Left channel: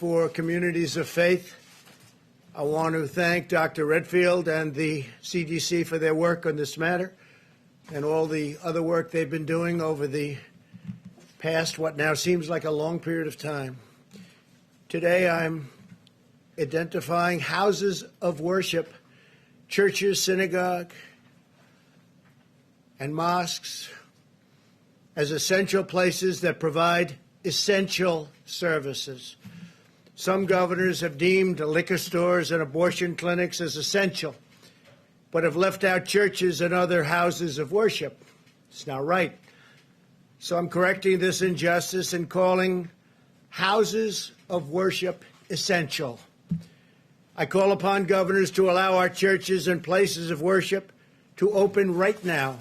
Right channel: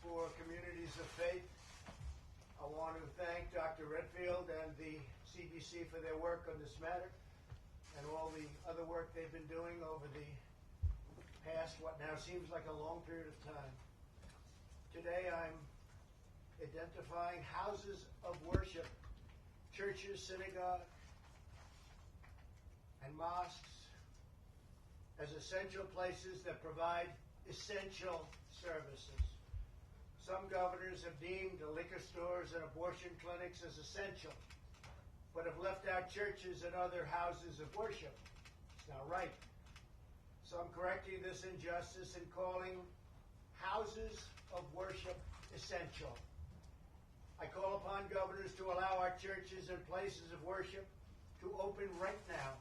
For communities of faith. I want to thank Dr. Redfield and the CDC for their work on this matter and all the other work they've been doing over the past, what now seems like a long period of time. Today I'm identifying houses of worship, churches, synagogue, and mosques as essential places that provide essential services. Some governors have deemed liquor stores and abortion clinics as essential, but have left out churches and other houses of worship. It's not right. So I'm correcting this injustice and calling houses of worship essential. I call upon governors to allow our churches and places of worship to open right now.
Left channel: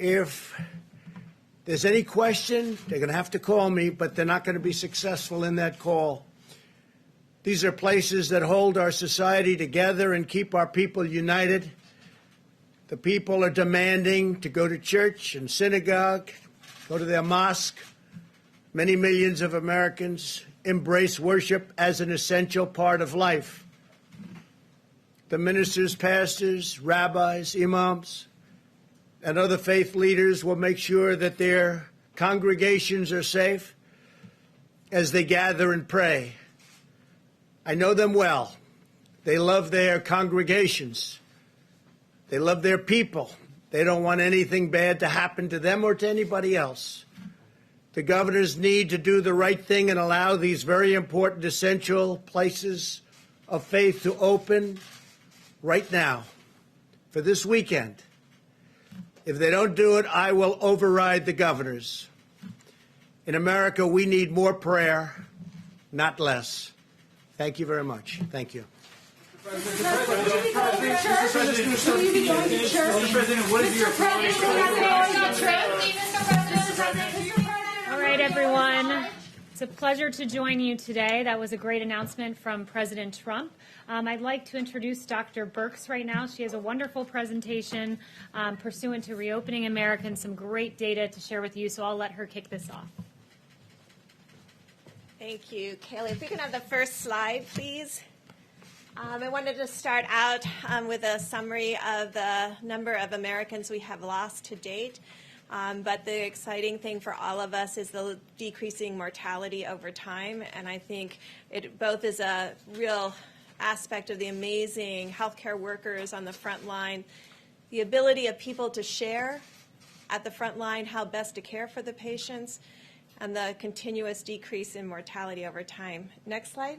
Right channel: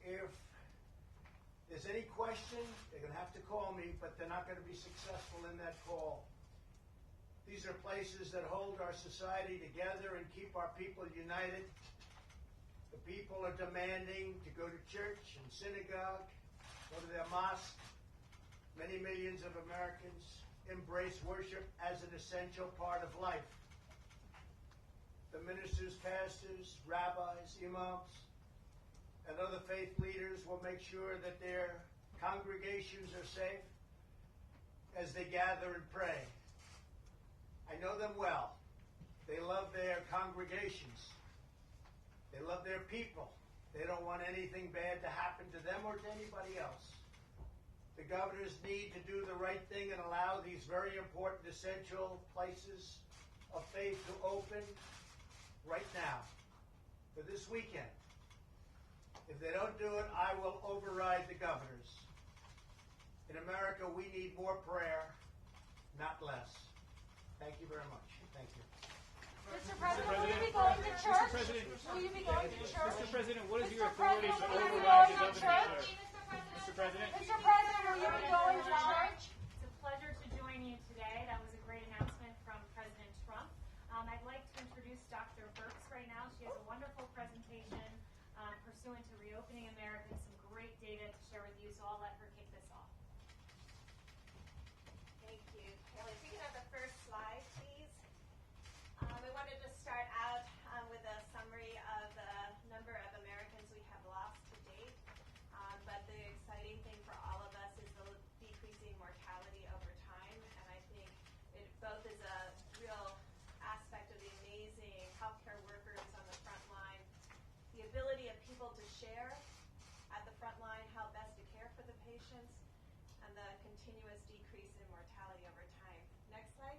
If there's any question, they're going to have to call me, but they're not going to be successful in that call. These are places that hold our society together and keep our people united. The people are demanding to go to church and synagogue, go to their mosque. Many millions of Americans embrace worship as an essential part of life. The ministers, pastors, rabbis, imams, and other faith leaders will make sure that their congregations are safe as they gather and pray. I know them well. They love their congregations. They love their people. They don't want anything bad to happen to them or to anybody else. The governors need to do the right thing and allow these very important, essential places of faith to open right now for this weekend. If they don't do it, I will override the governors. In America, we need more prayer, not less. Thank you very much. Thank you. Mr. President, what is your All right, everyone. It's a pleasure to join you today. That was a great announcement from President Trump. I'd like to introduce Dr. Birx right now. She has a wonderful presentation pursuant to Reopening America and some great data to share with you, so I'll let her kick this off. Thank you, Kaylee. If we can have the first slide, please. I wanted to start out with a summary of the number of Americans we have lost to date. But the exciting thing for all of us is the decreasing mortality over time. And I think it both is a real aspect of the amazing healthcare workers on the front line, the ability of people to share at the front line how best to care for the patients, and the continuous decrease in mortality over time. Next slide.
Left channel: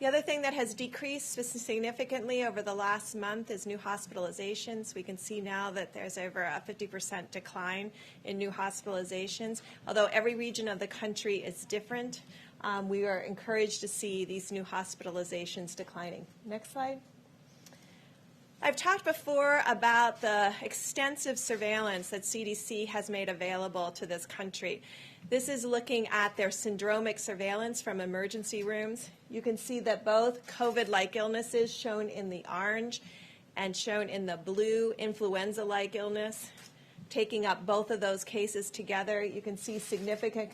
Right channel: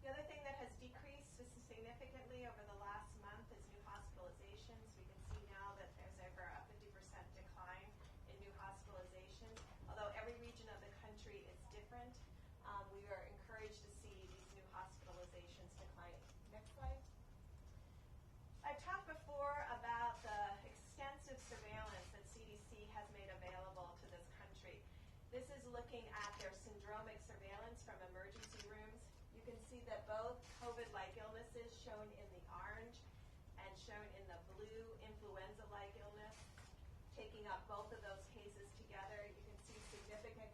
The other thing that has decreased significantly over the last month is new hospitalizations. We can see now that there's over a 50% decline in new hospitalizations. Although every region of the country is different, we are encouraged to see these new hospitalizations declining. Next slide. I've talked before about the extensive surveillance that CDC has made available to this country. This is looking at their syndromic surveillance from emergency rooms. You can see that both COVID-like illnesses, shown in the orange, and shown in the blue, influenza-like illness, taking up both of those cases together. You can see significant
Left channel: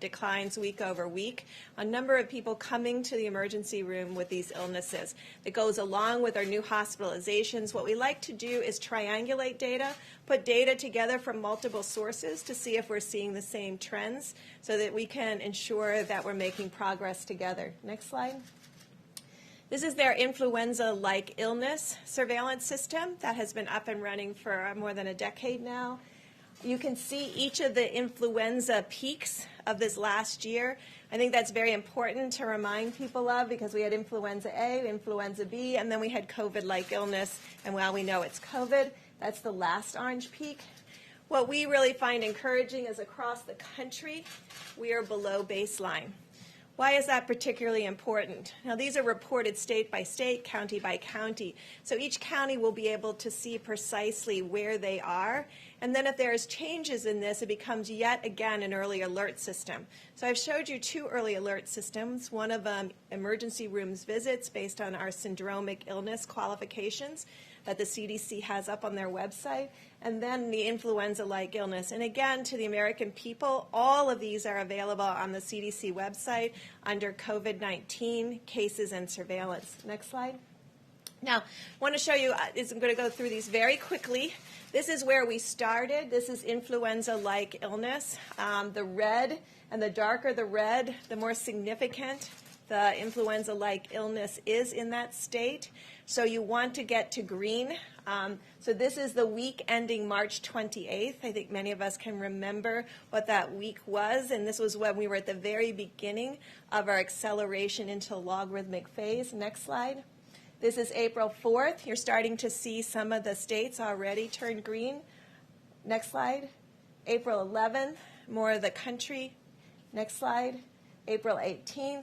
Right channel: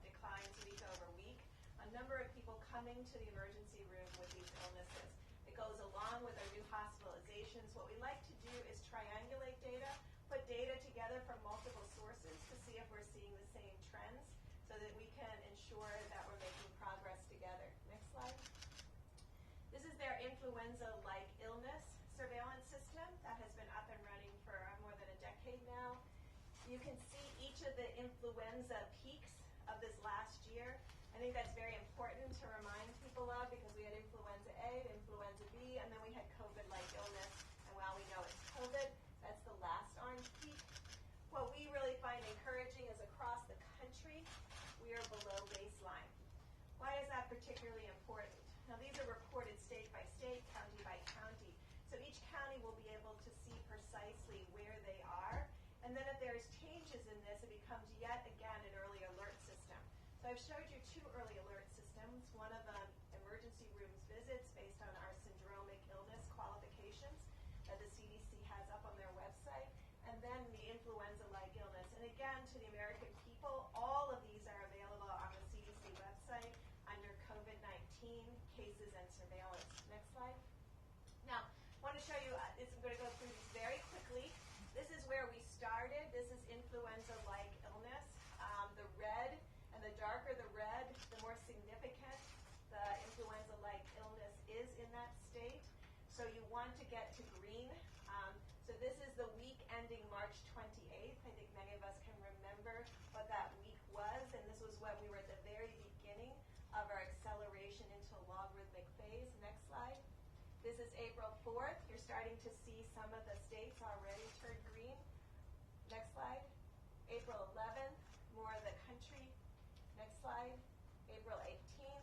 declines week over week. A number of people coming to the emergency room with these illnesses. That goes along with our new hospitalizations. What we like to do is triangulate data, put data together from multiple sources to see if we're seeing the same trends so that we can ensure that we're making progress together. Next slide. This is their influenza-like illness surveillance system that has been up and running for more than a decade now. You can see each of the influenza peaks of this last year. I think that's very important to remind people of because we had influenza A, influenza B, and then we had COVID-like illness. And while we know it's COVID, that's the last orange peak. What we really find encouraging is across the country, we are below baseline. Why is that particularly important? Now, these are reported state by state, county by county. So each county will be able to see precisely where they are. And then if there's changes in this, it becomes yet again an early alert system. So I've showed you two early alert systems. One of them, emergency rooms visits based on our syndromic illness qualifications. that the CDC has up on their website, and then the influenza-like illness. And again, to the American people, all of these are available on the CDC website under COVID-19 cases and surveillance. Next slide. Now, I want to show you, I'm going to go through these very quickly. This is where we started. This is influenza-like illness. The red, and the darker the red, the more significant the influenza-like illness is in that state. So you want to get to green. So this is the week ending March 28th. I think many of us can remember what that week was, and this was when we were at the very beginning of our acceleration into logarithmic phase. Next slide. This is April 4th. You're starting to see some of the states already turn green. Next slide. April 11th, more of the country. Next slide. April 18th.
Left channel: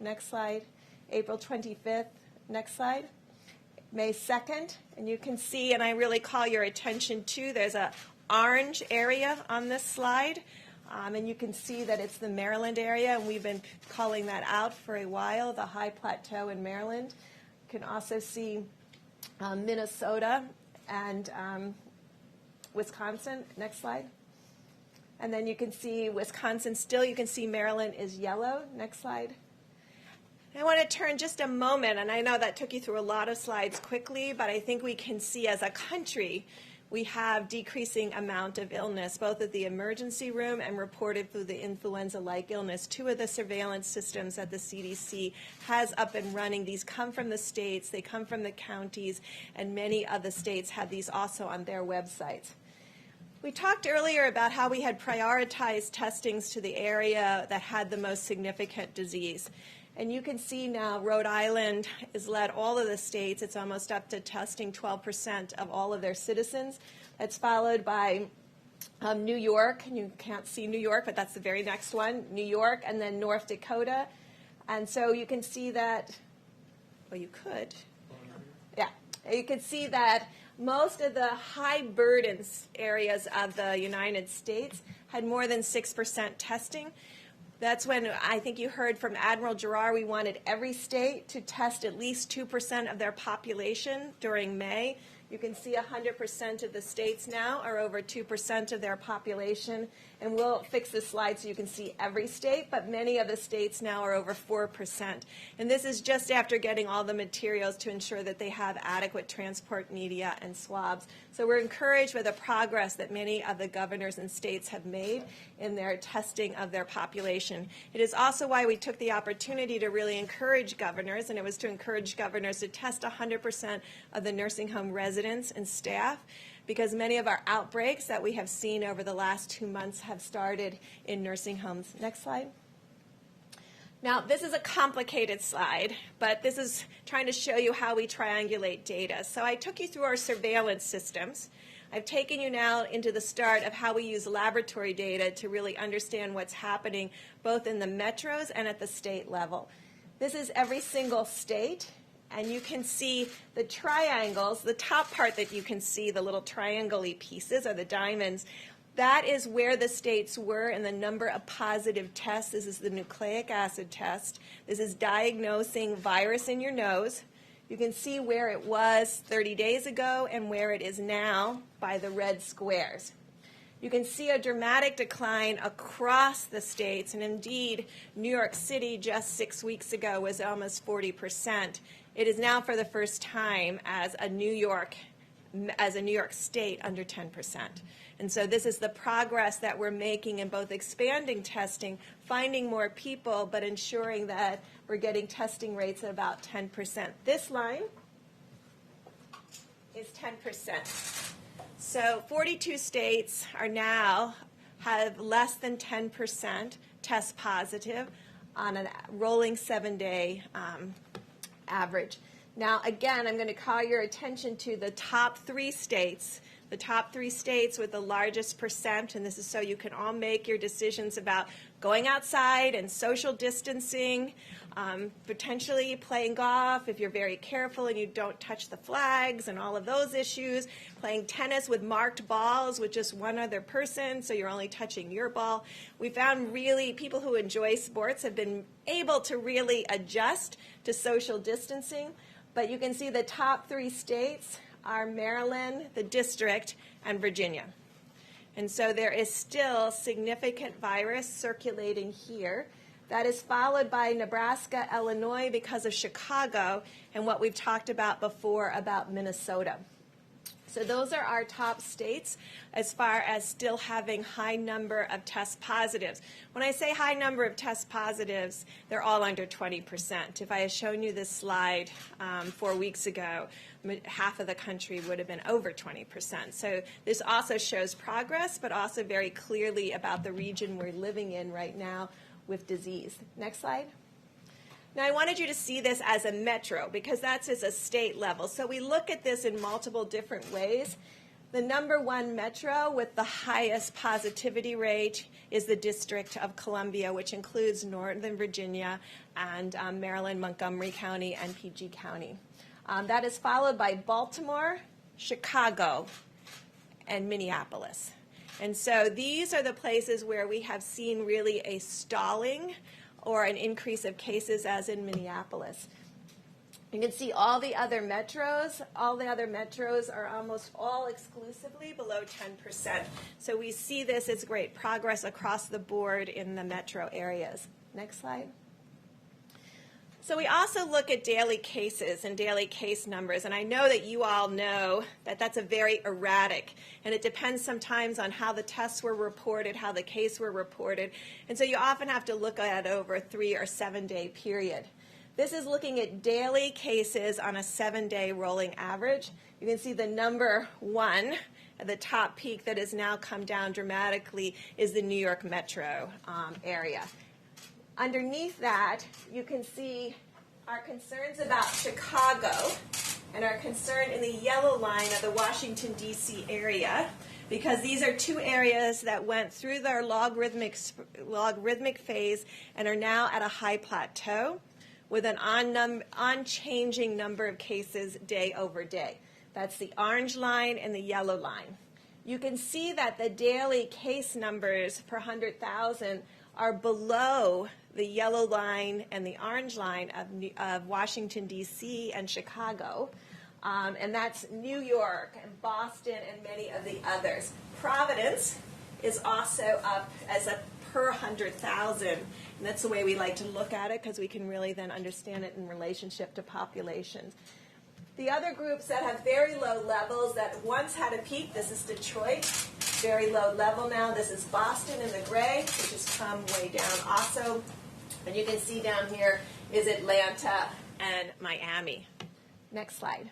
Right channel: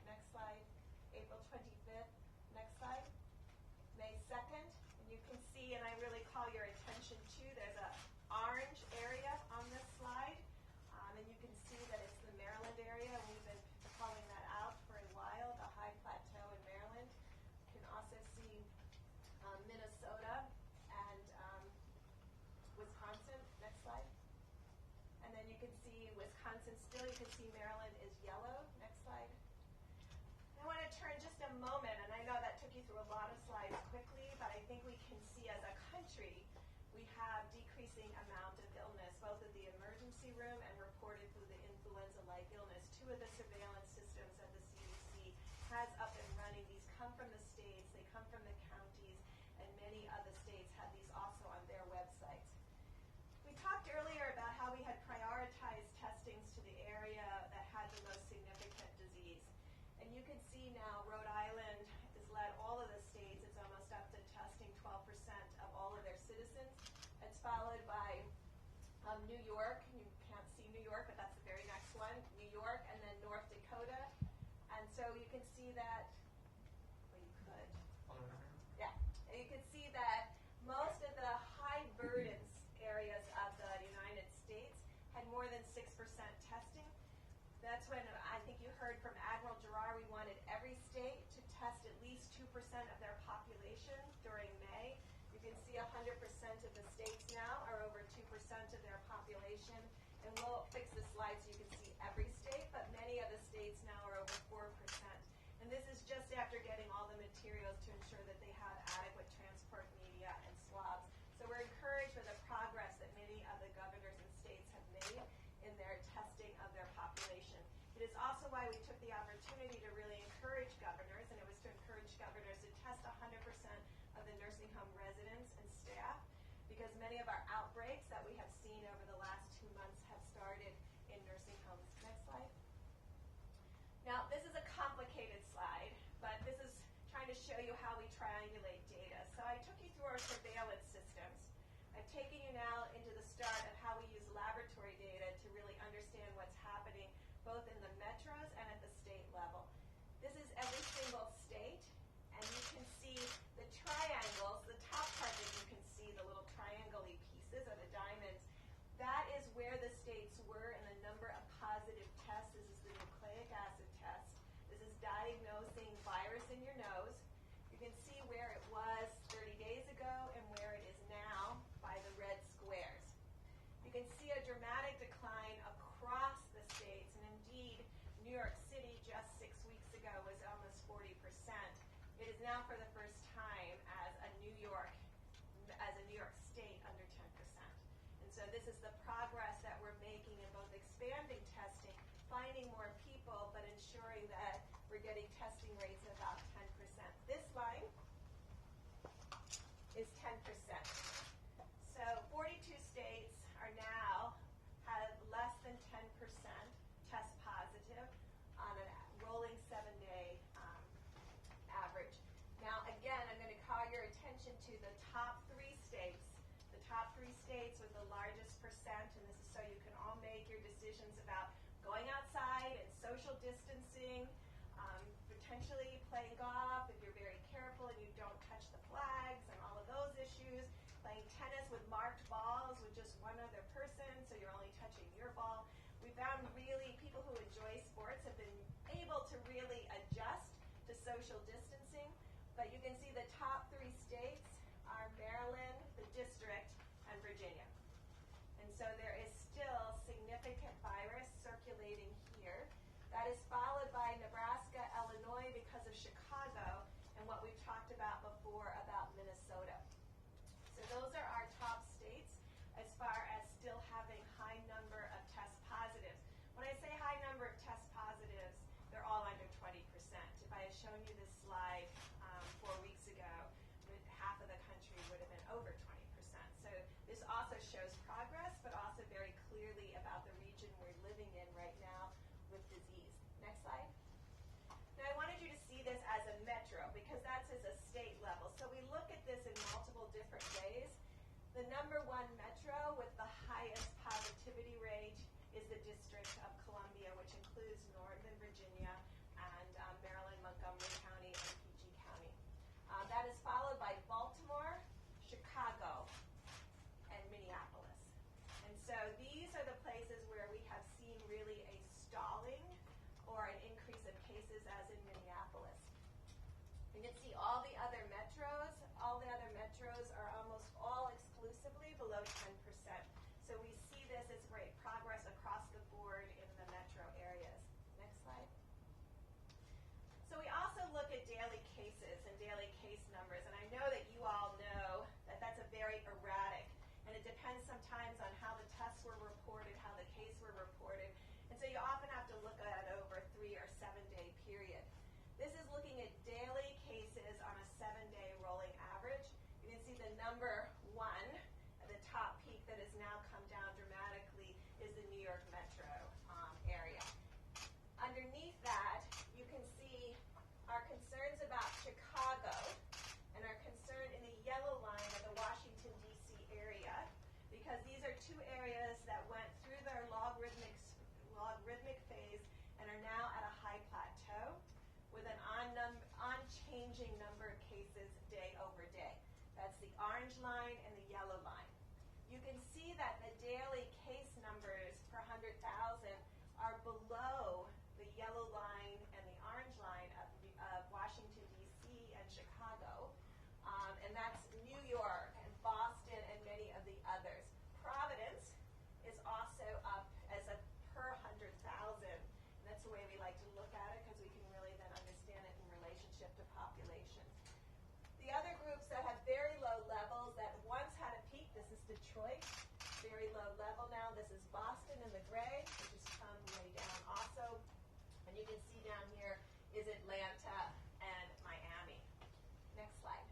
Next slide. April 25th. Next slide. May 2nd, and you can see, and I really call your attention to, there's an orange area on this slide, and you can see that it's the Maryland area, and we've been calling that out for a while, the high plateau in Maryland. You can also see Minnesota and Wisconsin. Next slide. And then you can see Wisconsin still. You can see Maryland is yellow. Next slide. I want to turn just a moment, and I know that took you through a lot of slides quickly, but I think we can see as a country we have decreasing amount of illness, both at the emergency room and reported through the influenza-like illness. Two of the surveillance systems that the CDC has up and running, these come from the states, they come from the counties, and many of the states have these also on their websites. We talked earlier about how we had prioritized testings to the area that had the most significant disease. And you can see now Rhode Island has led all of the states. It's almost up to testing 12% of all of their citizens. That's followed by New York. And you can't see New York, but that's the very next one. New York, and then North Dakota. And so you can see that, well, you could. Yeah. You can see that most of the high burdens areas of the United States had more than 6% testing. That's when I think you heard from Admiral Giroir, we wanted every state to test at least 2% of their population during May. You can see 100% of the states now are over 2% of their population. And we'll fix this slide so you can see every state, but many of the states now are over 4%. And this is just after getting all the materials to ensure that they have adequate transport media and swabs. So we're encouraged by the progress that many of the governors and states have made in their testing of their population. It is also why we took the opportunity to really encourage governors, and it was to encourage governors to test 100% of the nursing home residents and staff, because many of our outbreaks that we have seen over the last 2 months have started in nursing homes. Next slide. Now, this is a complicated slide, but this is trying to show you how we triangulate data. So I took you through our surveillance systems. I've taken you now into the start of how we use laboratory data to really understand what's happening both in the metros and at the state level. This is every single state, and you can see the triangles. The top part that you can see, the little triangle-y pieces, are the diamonds. That is where the states were in the number of positive tests. This is the nucleic acid test. This is diagnosing virus in your nose. You can see where it was 30 days ago and where it is now by the red squares. You can see a dramatic decline across the states, and indeed, New York City just 6 weeks ago was almost 40%. It is now for the first time as a New York state under 10%. And so this is the progress that we're making in both expanding testing, finding more people, but ensuring that we're getting testing rates at about 10%. This line is 10%. So 42 states are now have less than 10% test positive on a rolling 7-day average. Now, again, I'm going to call your attention to the top 3 states. The top 3 states with the largest percent, and this is so you can all make your decisions about going outside and social distancing, potentially playing golf if you're very careful and you don't touch the flags and all of those issues, playing tennis with marked balls with just one other person so you're only touching your ball. We found really people who enjoy sports have been able to really adjust to social distancing, but you can see the top 3 states are Maryland, the district, and Virginia. And so there is still significant virus circulating here. That is followed by Nebraska, Illinois because of Chicago, and what we've talked about before about Minnesota. So those are our top states as far as still having high number of test positives. When I say high number of test positives, they're all under 20%. If I had shown you this slide 4 weeks ago, half of the country would have been over 20%. So this also shows progress, but also very clearly about the region we're living in right now with disease. Next slide. Now, I wanted you to see this as a metro because that's as a state level. So we look at this in multiple different ways. The number one metro with the highest positivity rate is the District of Columbia, which includes Northern Virginia and Maryland, Montgomery County, and PG County. That is followed by Baltimore, Chicago, and Minneapolis. And so these are the places where we have seen really a stalling or an increase of cases, as in Minneapolis. You can see all the other metros are almost all exclusively below 10%. So we see this as great progress across the board in the metro areas. Next slide. So we also look at daily cases and daily case numbers, and I know that you all know that that's a very erratic, and it depends sometimes on how the tests were reported, how the case were reported, and so you often have to look at it over a 3 or 7 day period. This is looking at daily cases on a 7-day rolling average. You can see the number one at the top peak that has now come down dramatically is the New York metro area. Underneath that, you can see our concerns about Chicago and our concern in the yellow line of the Washington, D.C. area, because these are two areas that went through their logarithmic phase and are now at a high plateau with an unchanging number of cases day over day. That's the orange line and the yellow line. You can see that the daily case numbers per 100,000 are below the yellow line and the orange line of Washington, D.C. and Chicago. And that's New York and Boston and many of the others. Providence is also up as a per 100,000. And that's the way we like to look at it because we can really then understand it in relationship to populations. The other groups that have very low levels that once had a peak, this is Detroit, very low level now. This is Boston in the gray, which has come way down also. And you can see down here is Atlanta and Miami. Next slide.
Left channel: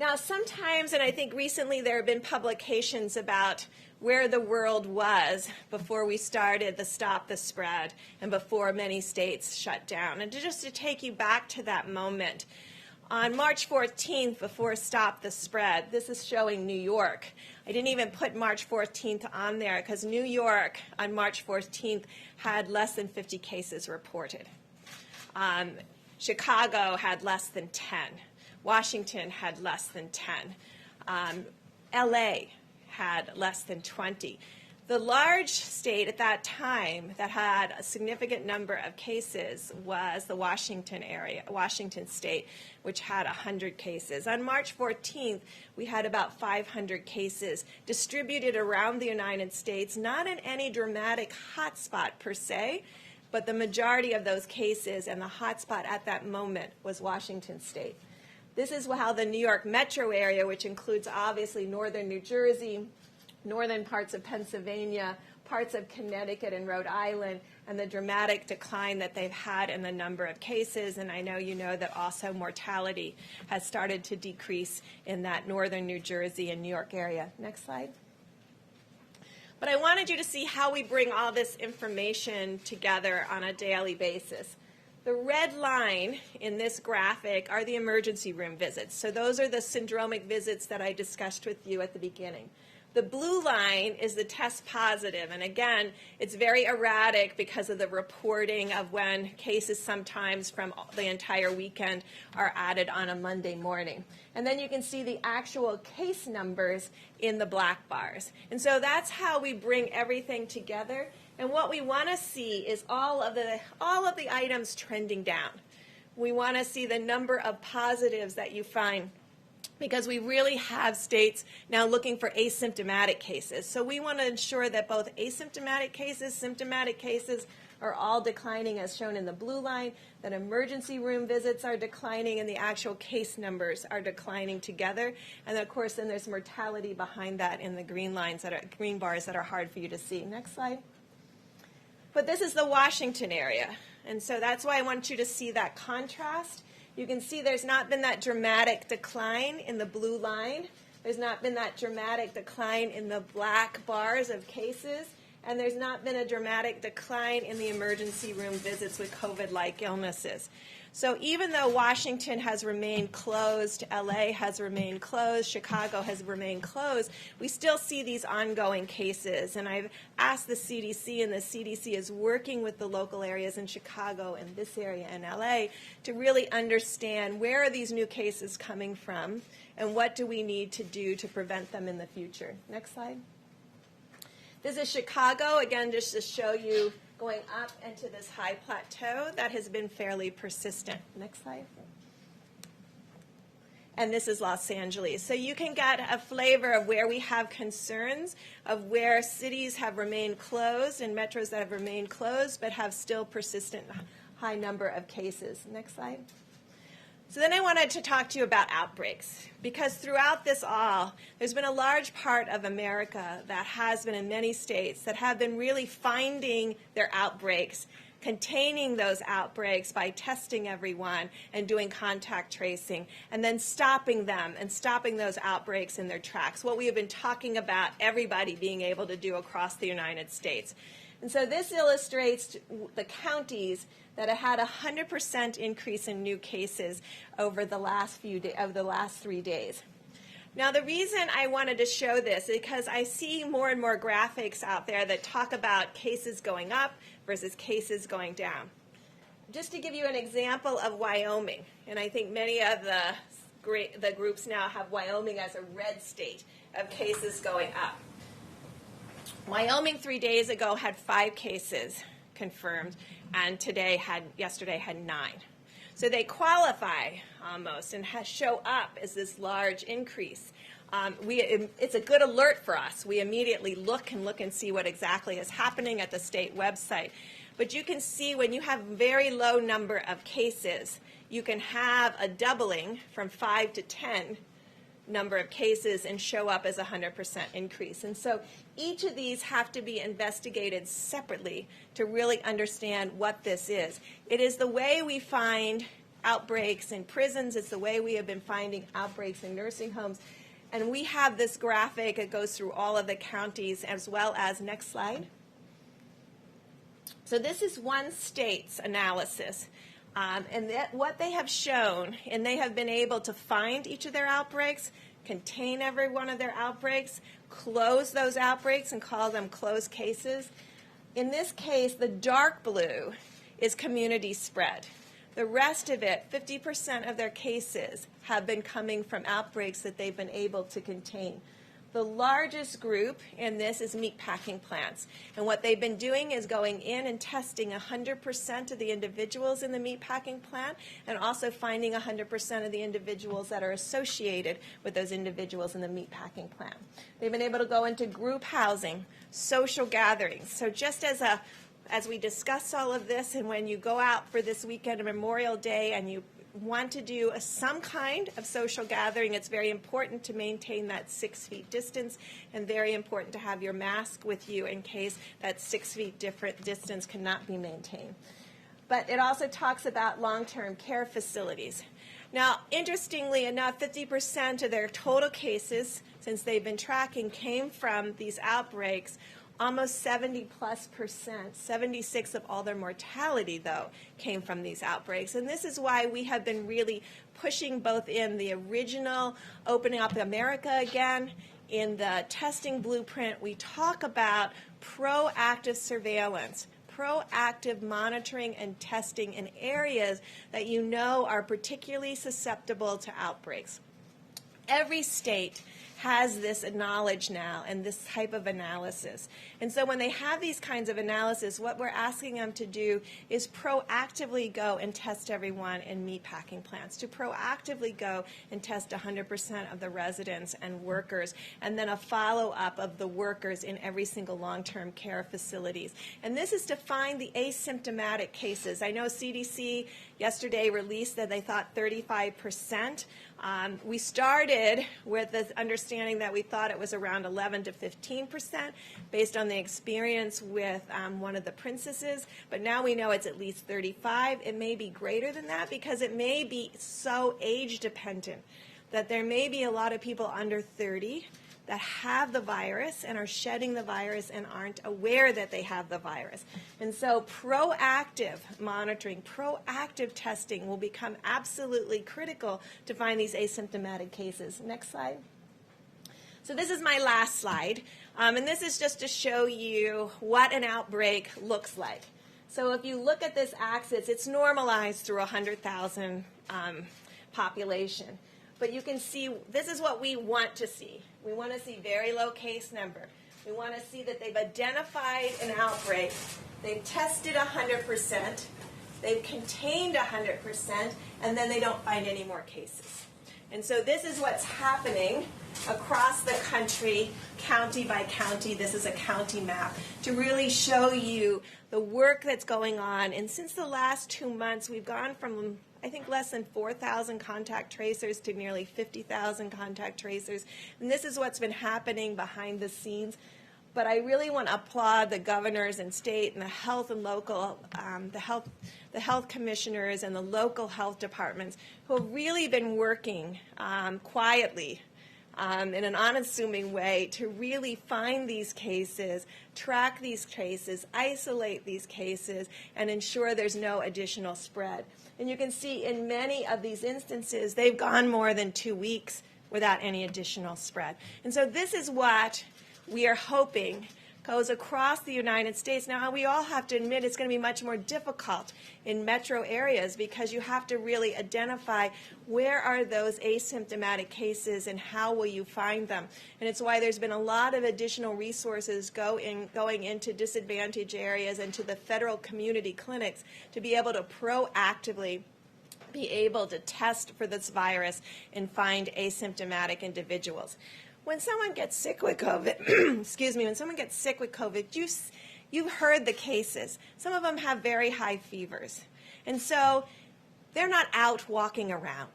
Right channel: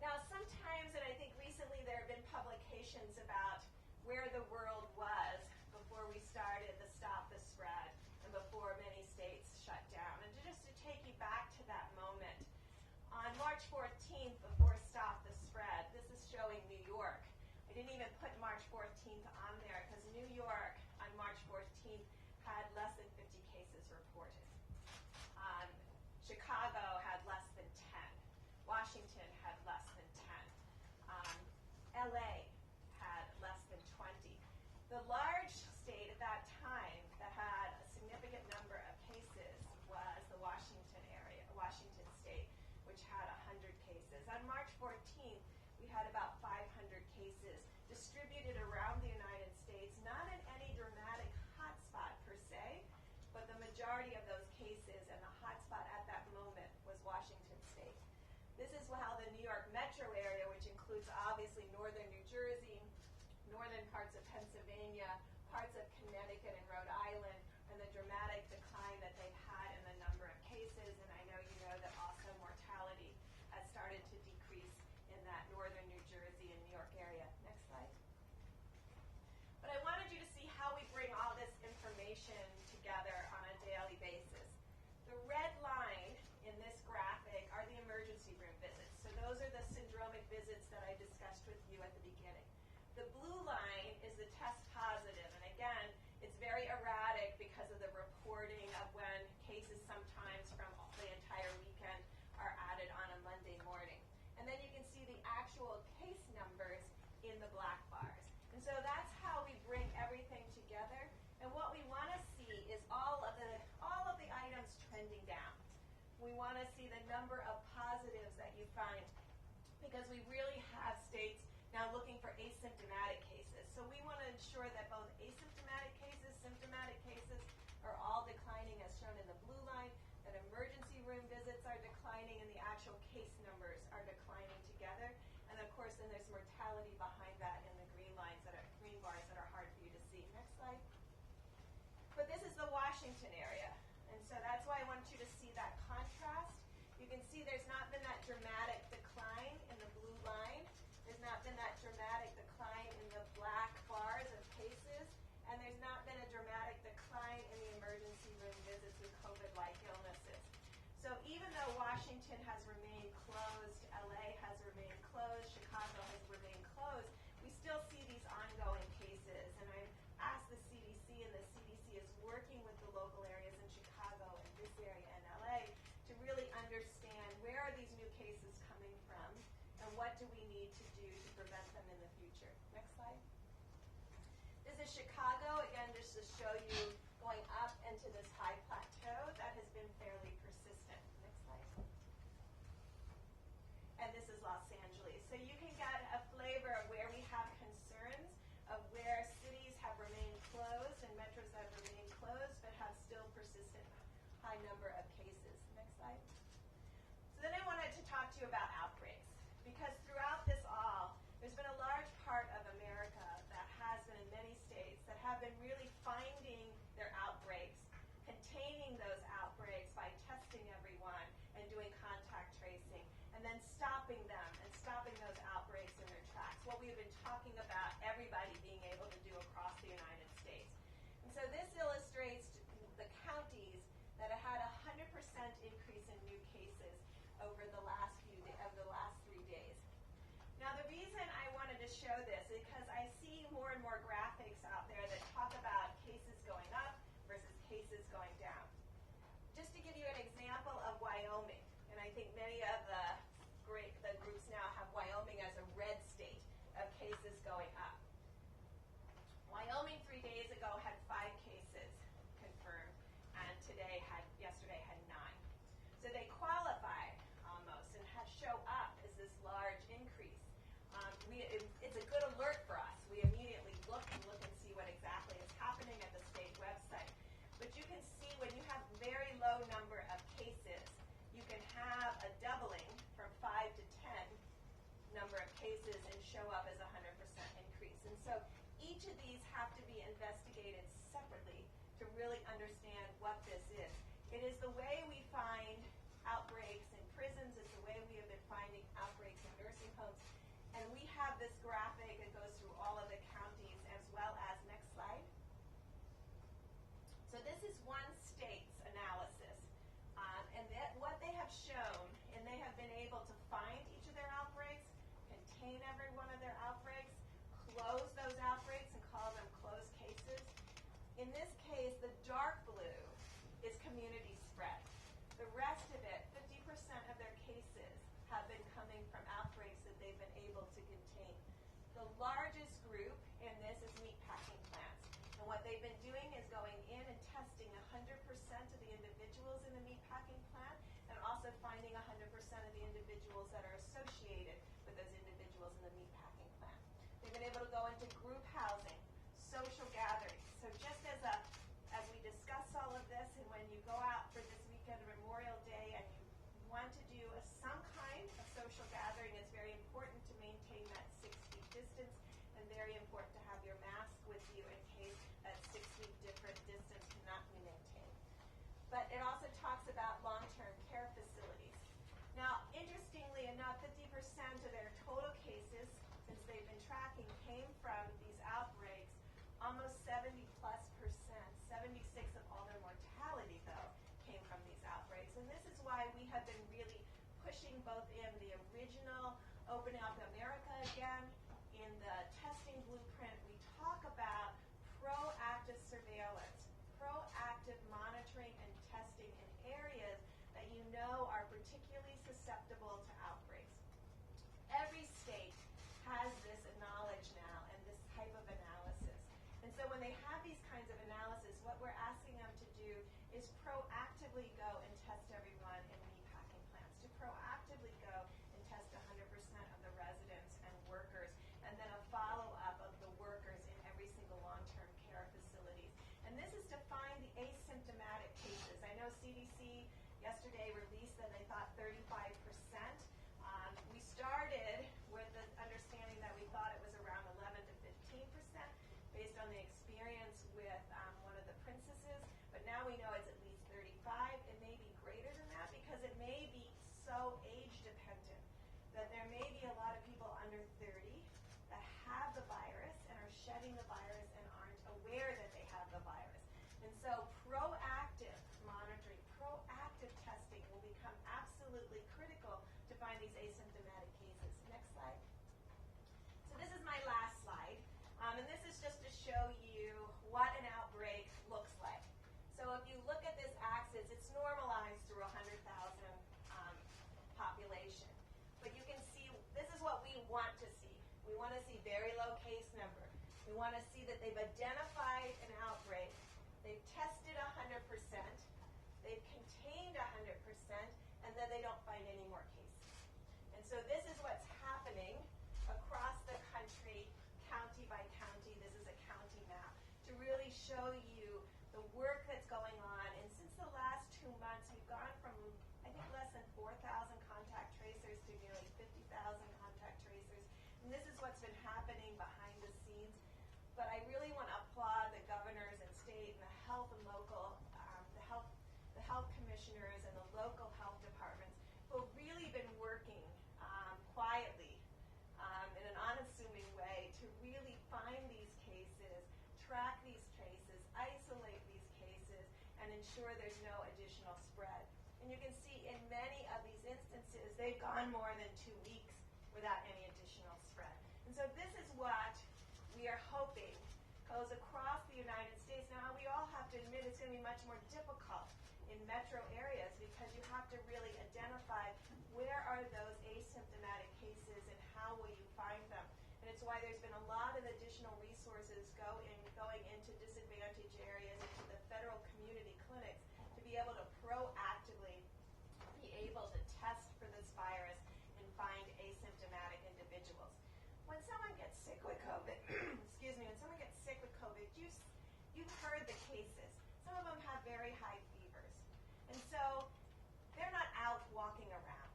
Now sometimes, and I think recently there have been publications about where the world was before we started the Stop the Spread and before many states shut down. And just to take you back to that moment, on March 14th, before Stop the Spread, this is showing New York. I didn't even put March 14th on there because New York on March 14th had less than 50 cases reported. Chicago had less than 10. Washington had less than 10. LA had less than 20. The large state at that time that had a significant number of cases was the Washington area, Washington state, which had 100 cases. On March 14th, we had about 500 cases distributed around the United States, not in any dramatic hotspot per se, but the majority of those cases and the hotspot at that moment was Washington state. This is how the New York metro area, which includes obviously northern New Jersey, northern parts of Pennsylvania, parts of Connecticut and Rhode Island, and the dramatic decline that they've had in the number of cases. And I know you know that also mortality has started to decrease in that northern New Jersey and New York area. Next slide. But I wanted you to see how we bring all this information together on a daily basis. The red line in this graphic are the emergency room visits. So those are the syndromic visits that I discussed with you at the beginning. The blue line is the test positive, and again, it's very erratic because of the reporting of when cases sometimes from the entire weekend are added on a Monday morning. And then you can see the actual case numbers in the black bars. And so that's how we bring everything together. And what we want to see is all of the items trending down. We want to see the number of positives that you find because we really have states now looking for asymptomatic cases. So we want to ensure that both asymptomatic cases, symptomatic cases are all declining as shown in the blue line, that emergency room visits are declining and the actual case numbers are declining together. And of course then there's mortality behind that in the green lines that are green bars that are hard for you to see. Next slide. But this is the Washington area. And so that's why I want you to see that contrast. You can see there's not been that dramatic decline in the blue line. There's not been that dramatic decline in the black bars of cases. And there's not been a dramatic decline in the emergency room visits with COVID-like illnesses. So even though Washington has remained closed, LA has remained closed, Chicago has remained closed, we still see these ongoing cases. And I've asked the CDC, and the CDC is working with the local areas in Chicago and this area in LA to really understand where are these new cases coming from and what do we need to do to prevent them in the future. Next slide. This is Chicago, again, just to show you going up into this high plateau that has been fairly persistent. Next slide. And this is Los Angeles. So you can get a flavor of where we have concerns, of where cities have remained closed and metros that have remained closed but have still persistent high number of cases. Next slide. So then I wanted to talk to you about outbreaks, because throughout this all, there's been a large part of America that has been in many states that have been really finding their outbreaks, containing those outbreaks by testing everyone and doing contact tracing, and then stopping them and stopping those outbreaks in their tracks, what we have been talking about everybody being able to do across the United States. And so this illustrates the counties that have had a 100% increase in new cases over the last 3 days. Now the reason I wanted to show this is because I see more and more graphics out there that talk about cases going up versus cases going down. Just to give you an example of Wyoming, and I think many of the groups now have Wyoming as a red state of cases going up. Wyoming 3 days ago had 5 cases confirmed, and yesterday had 9. So they qualify almost and show up as this large increase. It's a good alert for us. We immediately look and see what exactly is happening at the state website. But you can see when you have very low number of cases, you can have a doubling from 5 to 10 number of cases and show up as a 100% increase. And so each of these have to be investigated separately to really understand what this is. It is the way we find outbreaks in prisons. It's the way we have been finding outbreaks in nursing homes. And we have this graphic. It goes through all of the counties as well as, next slide. So this is one state's analysis. And what they have shown, and they have been able to find each of their outbreaks, contain every one of their outbreaks, close those outbreaks and call them closed cases. In this case, the dark blue is community spread. The rest of it, 50% of their cases, have been coming from outbreaks that they've been able to contain. The largest group in this is meatpacking plants. And what they've been doing is going in and testing 100% of the individuals in the meatpacking plant and also finding 100% of the individuals that are associated with those individuals in the meatpacking plant. They've been able to go into group housing, social gatherings. So just as we discuss all of this, and when you go out for this weekend of Memorial Day and you want to do some kind of social gathering, it's very important to maintain that 6 feet distance and very important to have your mask with you in case that 6 feet different distance cannot be maintained. But it also talks about long-term care facilities. Now, interestingly enough, 50% of their total cases, since they've been tracking, came from these outbreaks. Almost 70+%, 76 of all their mortality, though, came from these outbreaks. And this is why we have been really pushing both in the original Opening Up America Again, in the testing blueprint, we talk about proactive surveillance, proactive monitoring and testing in areas that you know are particularly susceptible to outbreaks. Every state has this knowledge now and this type of analysis. And so when they have these kinds of analysis, what we're asking them to do is proactively go and test everyone in meatpacking plants, to proactively go and test 100% of the residents and workers, and then a follow-up of the workers in every single long-term care facilities. And this is to find the asymptomatic cases. I know CDC yesterday released that they thought 35%. We started with the understanding that we thought it was around 11 to 15% based on the experience with one of the princesses, but now we know it's at least 35. It may be greater than that because it may be so age dependent that there may be a lot of people under 30 that have the virus and are shedding the virus and aren't aware that they have the virus. And so proactive monitoring, proactive testing will become absolutely critical to find these asymptomatic cases. Next slide. So this is my last slide, and this is just to show you what an outbreak looks like. So if you look at this axis, it's normalized through 100,000 population. But you can see this is what we want to see. We want to see very low case number. We want to see that they've identified an outbreak. They've tested 100%. They've contained 100%, and then they don't find any more cases. And so this is what's happening across the country, county by county. This is a county map to really show you the work that's going on. And since the last 2 months, we've gone from, I think, less than 4,000 contact tracers to nearly 50,000 contact tracers. And this is what's been happening behind the scenes. But I really want to applaud the governors and state and the health and local, the health commissioners and the local health departments who have really been working quietly in an unassuming way to really find these cases, track these cases, isolate these cases, and ensure there's no additional spread. And you can see in many of these instances, they've gone more than 2 weeks without any additional spread. And so this is what we are hoping goes across the United States. Now, we all have to admit it's going to be much more difficult in metro areas because you have to really identify where are those asymptomatic cases and how will you find them. And it's why there's been a lot of additional resources going into disadvantaged areas and to the federal community clinics to be able to proactively be able to test for this virus and find asymptomatic individuals. When someone gets sick with COVID, excuse me, when someone gets sick with COVID, you've heard the cases. Some of them have very high fevers. And so they're not out walking around.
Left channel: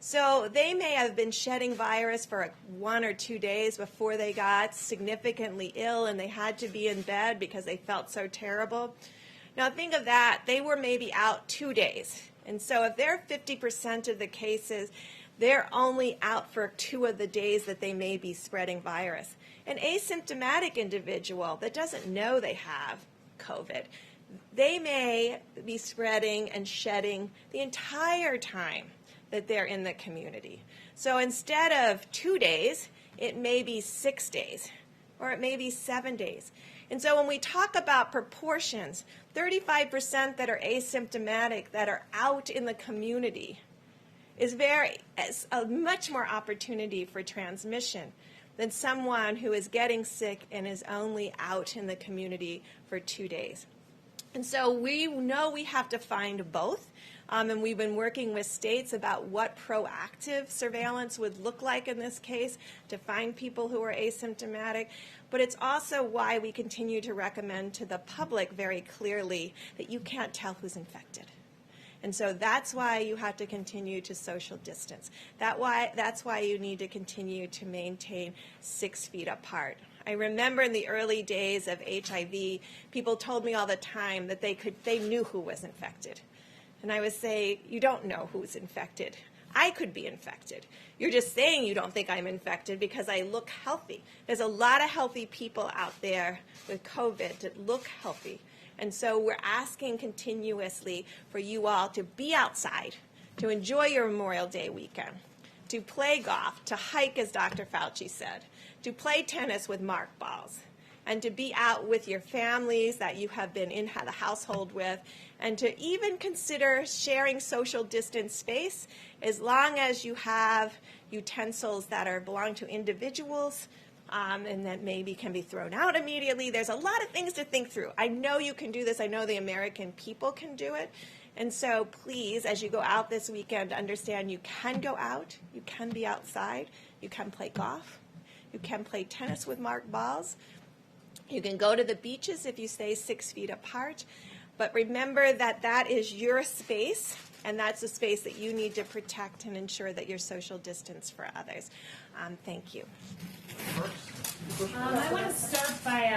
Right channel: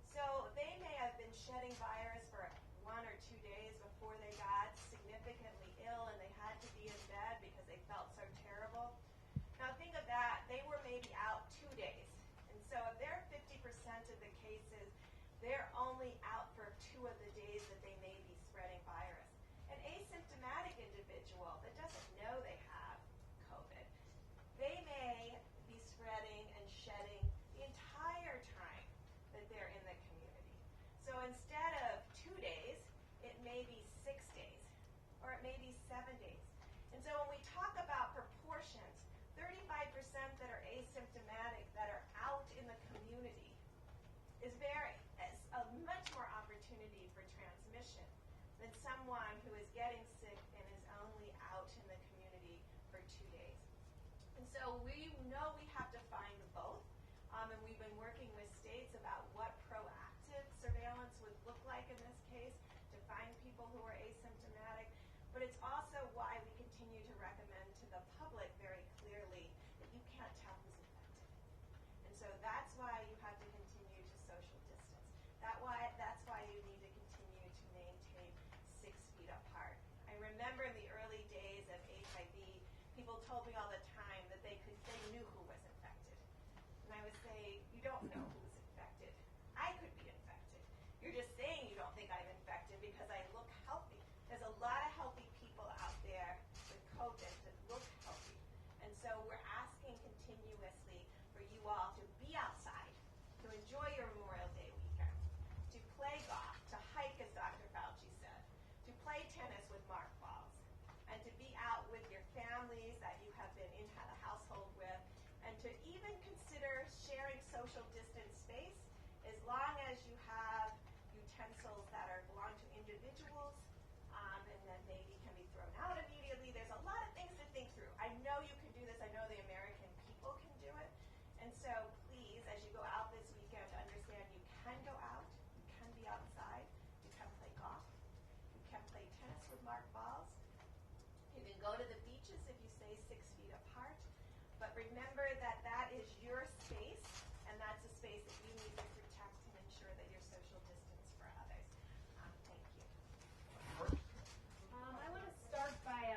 So they may have been shedding virus for 1 or 2 days before they got significantly ill and they had to be in bed because they felt so terrible. Now think of that. They were maybe out 2 days. And so if they're 50% of the cases, they're only out for 2 of the days that they may be spreading virus. An asymptomatic individual that doesn't know they have COVID, they may be spreading and shedding the entire time that they're in the community. So instead of 2 days, it may be 6 days, or it may be 7 days. And so when we talk about proportions, 35% that are asymptomatic that are out in the community is a much more opportunity for transmission than someone who is getting sick and is only out in the community for 2 days. And so we know we have to find both, and we've been working with states about what proactive surveillance would look like in this case to find people who are asymptomatic. But it's also why we continue to recommend to the public very clearly that you can't tell who's infected. And so that's why you have to continue to social distance. That's why you need to continue to maintain 6 feet apart. I remember in the early days of HIV, people told me all the time that they knew who was infected. And I would say, you don't know who's infected. I could be infected. You're just saying you don't think I'm infected because I look healthy. There's a lot of healthy people out there with COVID that look healthy. And so we're asking continuously for you all to be outside, to enjoy your Memorial Day weekend, to play golf, to hike, as Dr. Fauci said, to play tennis with mark balls, and to be out with your families that you have been in the household with, and to even consider sharing social distance space as long as you have utensils that belong to individuals and that maybe can be thrown out immediately. There's a lot of things to think through. I know you can do this. I know the American people can do it. And so please, as you go out this weekend, understand you can go out, you can be outside, you can play golf, you can play tennis with marked balls, you can go to the beaches if you stay 6 feet apart. But remember that that is your space, and that's a space that you need to protect and ensure that you're social distance for others. Thank you. I want to start by,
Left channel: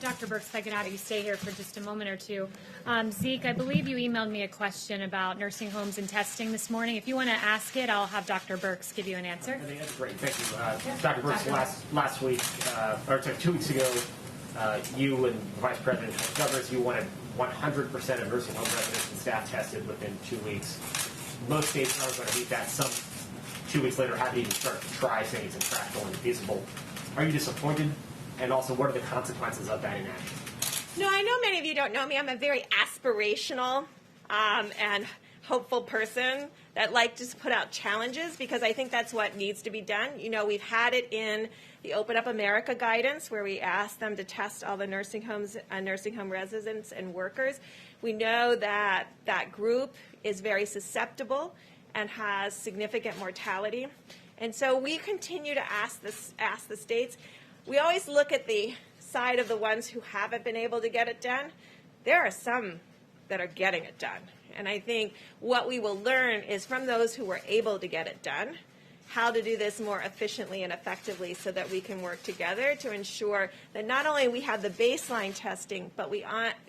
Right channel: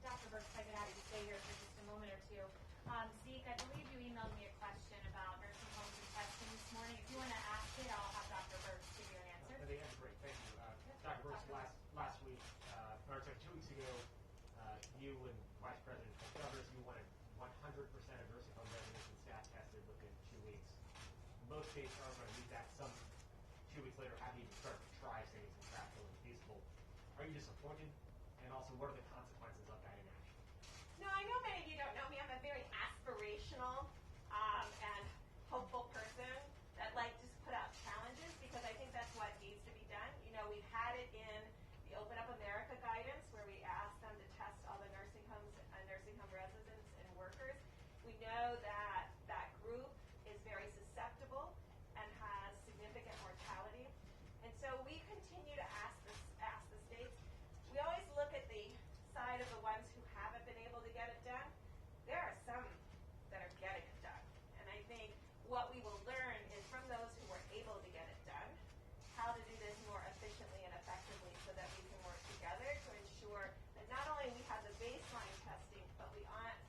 Dr. Birx, if I could have you stay here for just a moment or two. Zeke, I believe you emailed me a question about nursing homes and testing this morning. If you want to ask it, I'll have Dr. Birx give you an answer. I think that's great. Thank you. Dr. Birx, last week, or sorry, 2 weeks ago, you and the Vice President of Governors, you wanted 100% of nursing home residents and staff tested within 2 weeks. Most states are going to meet that. Some 2 weeks later haven't even started to try, saying it's impractical and feasible. Are you disappointed? And also, what are the consequences of that inaction? No, I know many of you don't know me. I'm a very aspirational and hopeful person that like to put out challenges because I think that's what needs to be done. You know, we've had it in the Open Up America guidance where we asked them to test all the nursing homes, nursing home residents and workers. We know that that group is very susceptible and has significant mortality. And so we continue to ask the states. We always look at the side of the ones who haven't been able to get it done. There are some that are getting it done. And I think what we will learn is from those who were able to get it done, how to do this more efficiently and effectively so that we can work together to ensure that not only we have the baseline testing, but we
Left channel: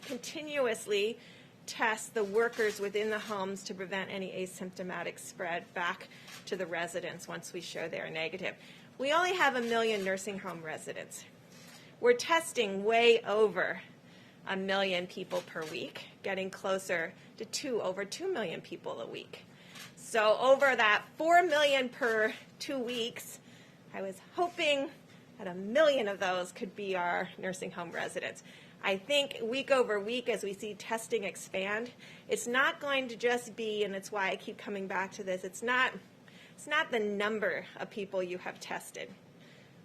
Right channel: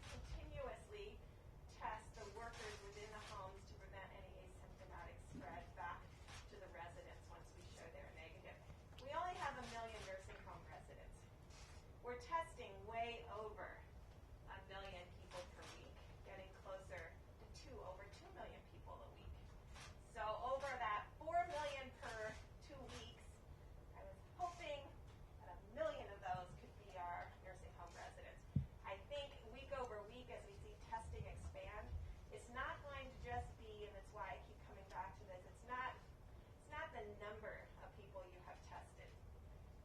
continuously test the workers within the homes to prevent any asymptomatic spread back to the residents once we show they're negative. We only have 1 million nursing home residents. We're testing way over 1 million people per week, getting closer to over 2 million people a week. So over that 4 million per 2 weeks, I was hoping that 1 million of those could be our nursing home residents. I think week over week as we see testing expand, it's not going to just be, and it's why I keep coming back to this, it's not the number of people you have tested.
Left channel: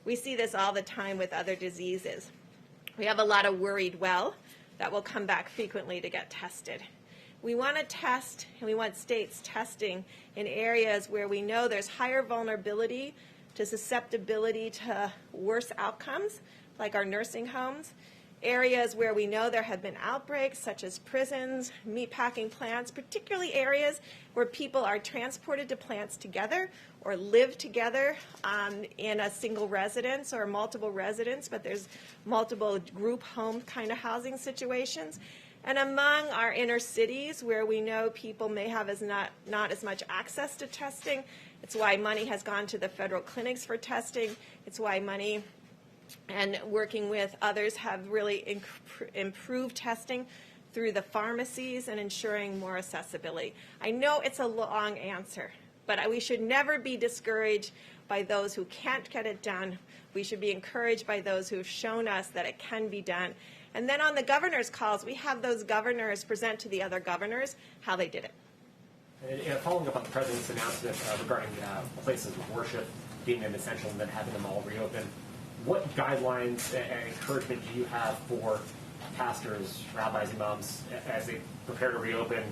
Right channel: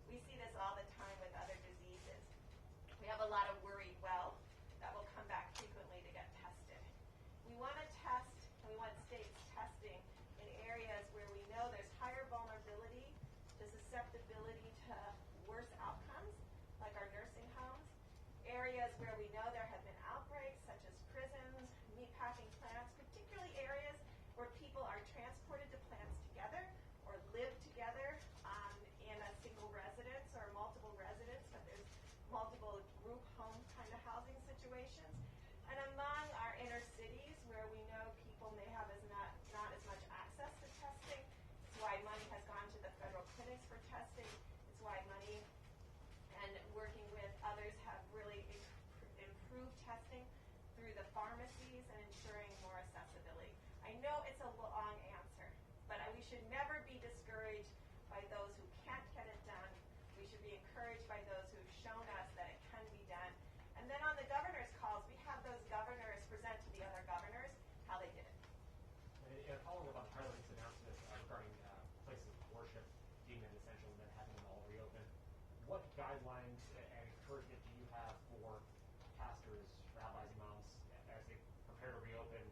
We see this all the time with other diseases. We have a lot of worried well that will come back frequently to get tested. We want to test, and we want states testing in areas where we know there's higher vulnerability to susceptibility to worse outcomes, like our nursing homes, areas where we know there have been outbreaks, such as prisons, meatpacking plants, particularly areas where people are transported to plants together or live together in a single residence or multiple residents, but there's multiple group home kind of housing situations. And among our inner cities where we know people may have not as much access to testing, it's why money has gone to the federal clinics for testing. It's why money and working with others have really improved testing through the pharmacies and ensuring more accessibility. I know it's a long answer, but we should never be discouraged by those who can't get it done. We should be encouraged by those who have shown us that it can be done. And then on the governor's calls, we have those governors present to the other governors how they did it. And following up on the president's announcement regarding places of worship being an essential and then having them all reopen, what guidelines and encouragement do you have for pastors, rabbis, imams as they prepare to reopen?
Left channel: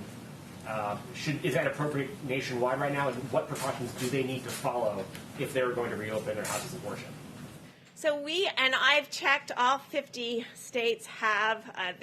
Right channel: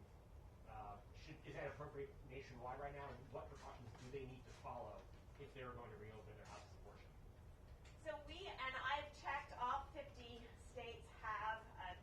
Is that appropriate nationwide right now? And what precautions do they need to follow if they're going to reopen their houses of worship? So I've checked, all 50 states have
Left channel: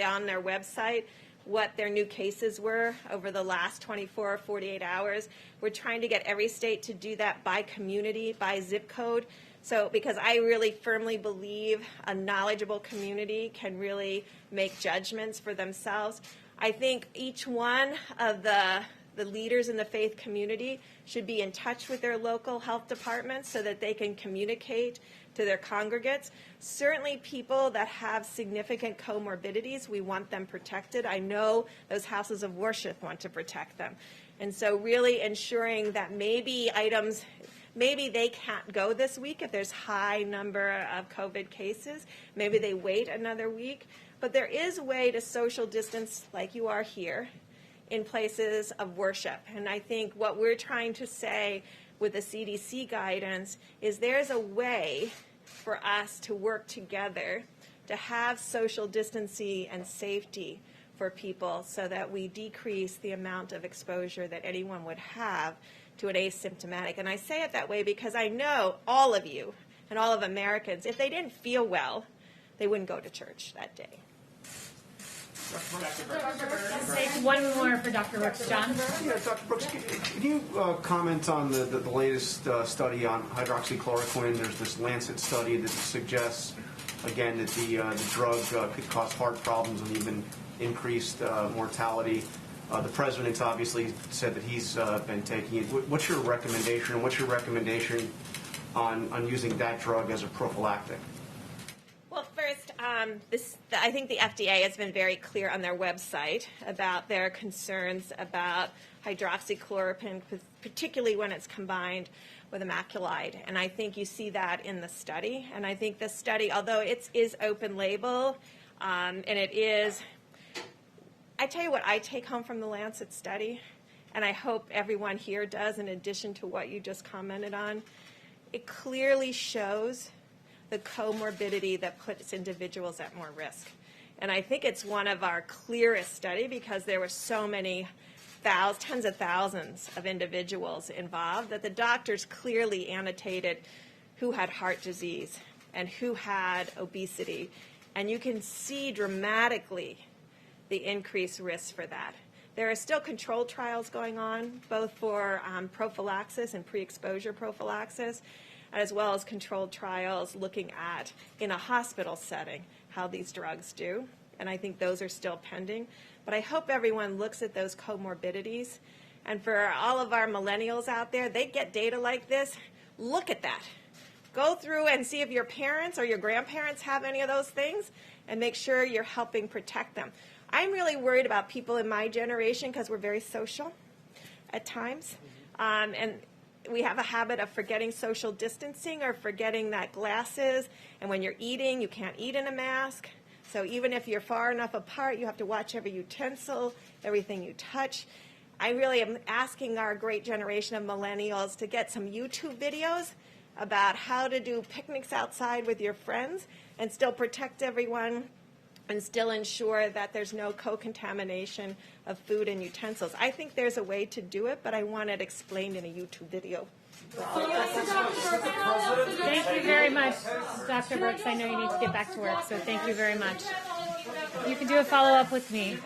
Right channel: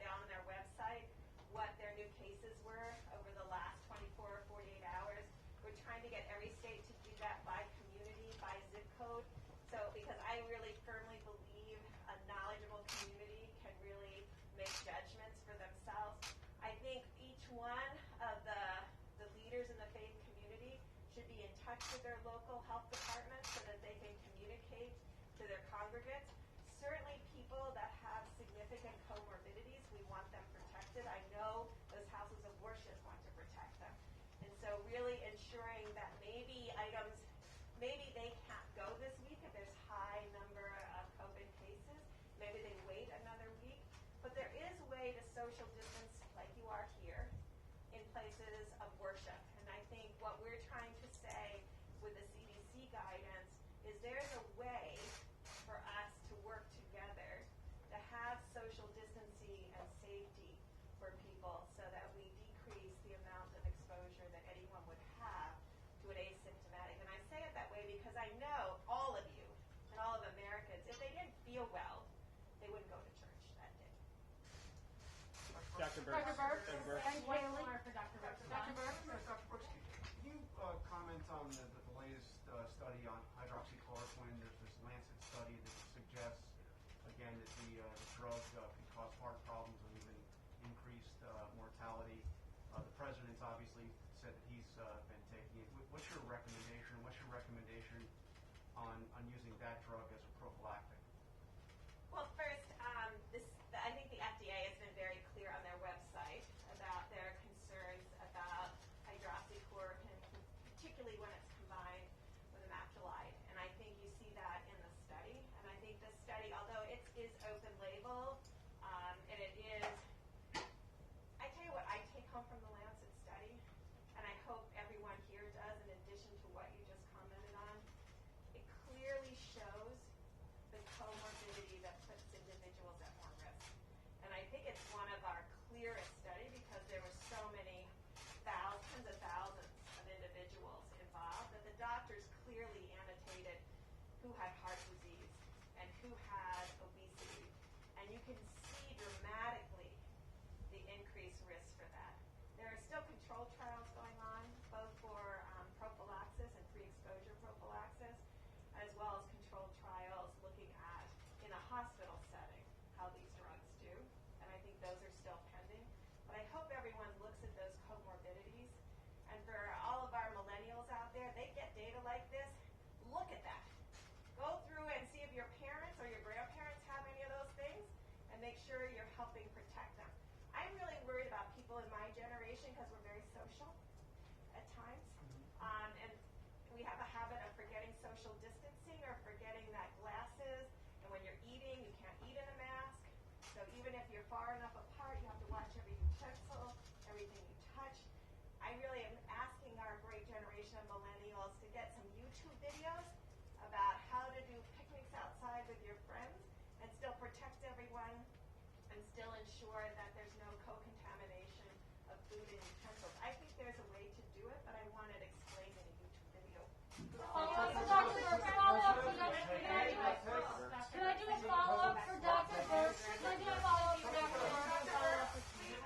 on their website what their new cases were over the last 24 or 48 hours. We're trying to get every state to do that by community, by zip code. So because I really firmly believe a knowledgeable community can really make judgments for themselves. I think each one of the leaders in the faith community should be in touch with their local health departments so that they can communicate to their congregates. Certainly people that have significant comorbidities, we want them protected. I know those houses of worship want to protect them. And so really ensuring that maybe they can't go this week if there's high number of COVID cases. Maybe they wait another week. But there is a way to social distance like you are here in places of worship. And I think what we're trying to say with the CDC guidance is there's a way for us to work together to have social distancing and safety for people so that we decrease the amount of exposure that anyone would have to an asymptomatic. And I say it that way because I know all of you and all of Americans, if they didn't feel well, they wouldn't go to church that day. Let's take one more for Dr. Brooks. John? Yeah, Dr. Brooks, can you comment on the latest study on hydroxychloroquine? There's this Lancet study that suggests, again, that the drug could cause heart problems and even increased mortality. The president's obviously said that he's been taking it. What's your recommendation? What's your recommendation on using that drug as a prophylactic? Well, first, I think the FDA has been very clear on their website about their concerns about hydroxychloroquine, particularly when it's combined with a macrolide. And I think you see that in the study. And I think the study, although it is open label, and it is, I tell you what I take home from the Lancet study, and I hope everyone here does in addition to what you just commented on, it clearly shows the comorbidity that puts individuals at more risk. And I think it's one of our clearest study because there were so many tens of thousands of individuals involved that the doctors clearly annotated who had heart disease and who had obesity. And you can see dramatically the increased risk for that. There are still controlled trials going on, both for prophylaxis and pre-exposure prophylaxis, as well as controlled trials looking at, in a hospital setting, how these drugs do. And I think those are still pending. But I hope everyone looks at those comorbidities. And for all of our millennials out there, they get data like this. Look at that. Go through and see if your parents or your grandparents have any of those things and make sure you're helping protect them. I'm really worried about people in my generation because we're very social at times. And we have a habit of forgetting social distancing or forgetting that glasses. And when you're eating, you can't eat in a mask. So even if you're far enough apart, you have to watch every utensil, everything you touch. I really am asking our great generation of millennials to get some YouTube videos about how to do picnics outside with your friends and still protect everyone and still ensure that there's no co-contamination of food and utensils. I think there's a way to do it, but I want it explained in a YouTube video. Thank you very much, Dr. Brooks. I know you need to get back to work, so thank you very much. You can do a follow-up with me.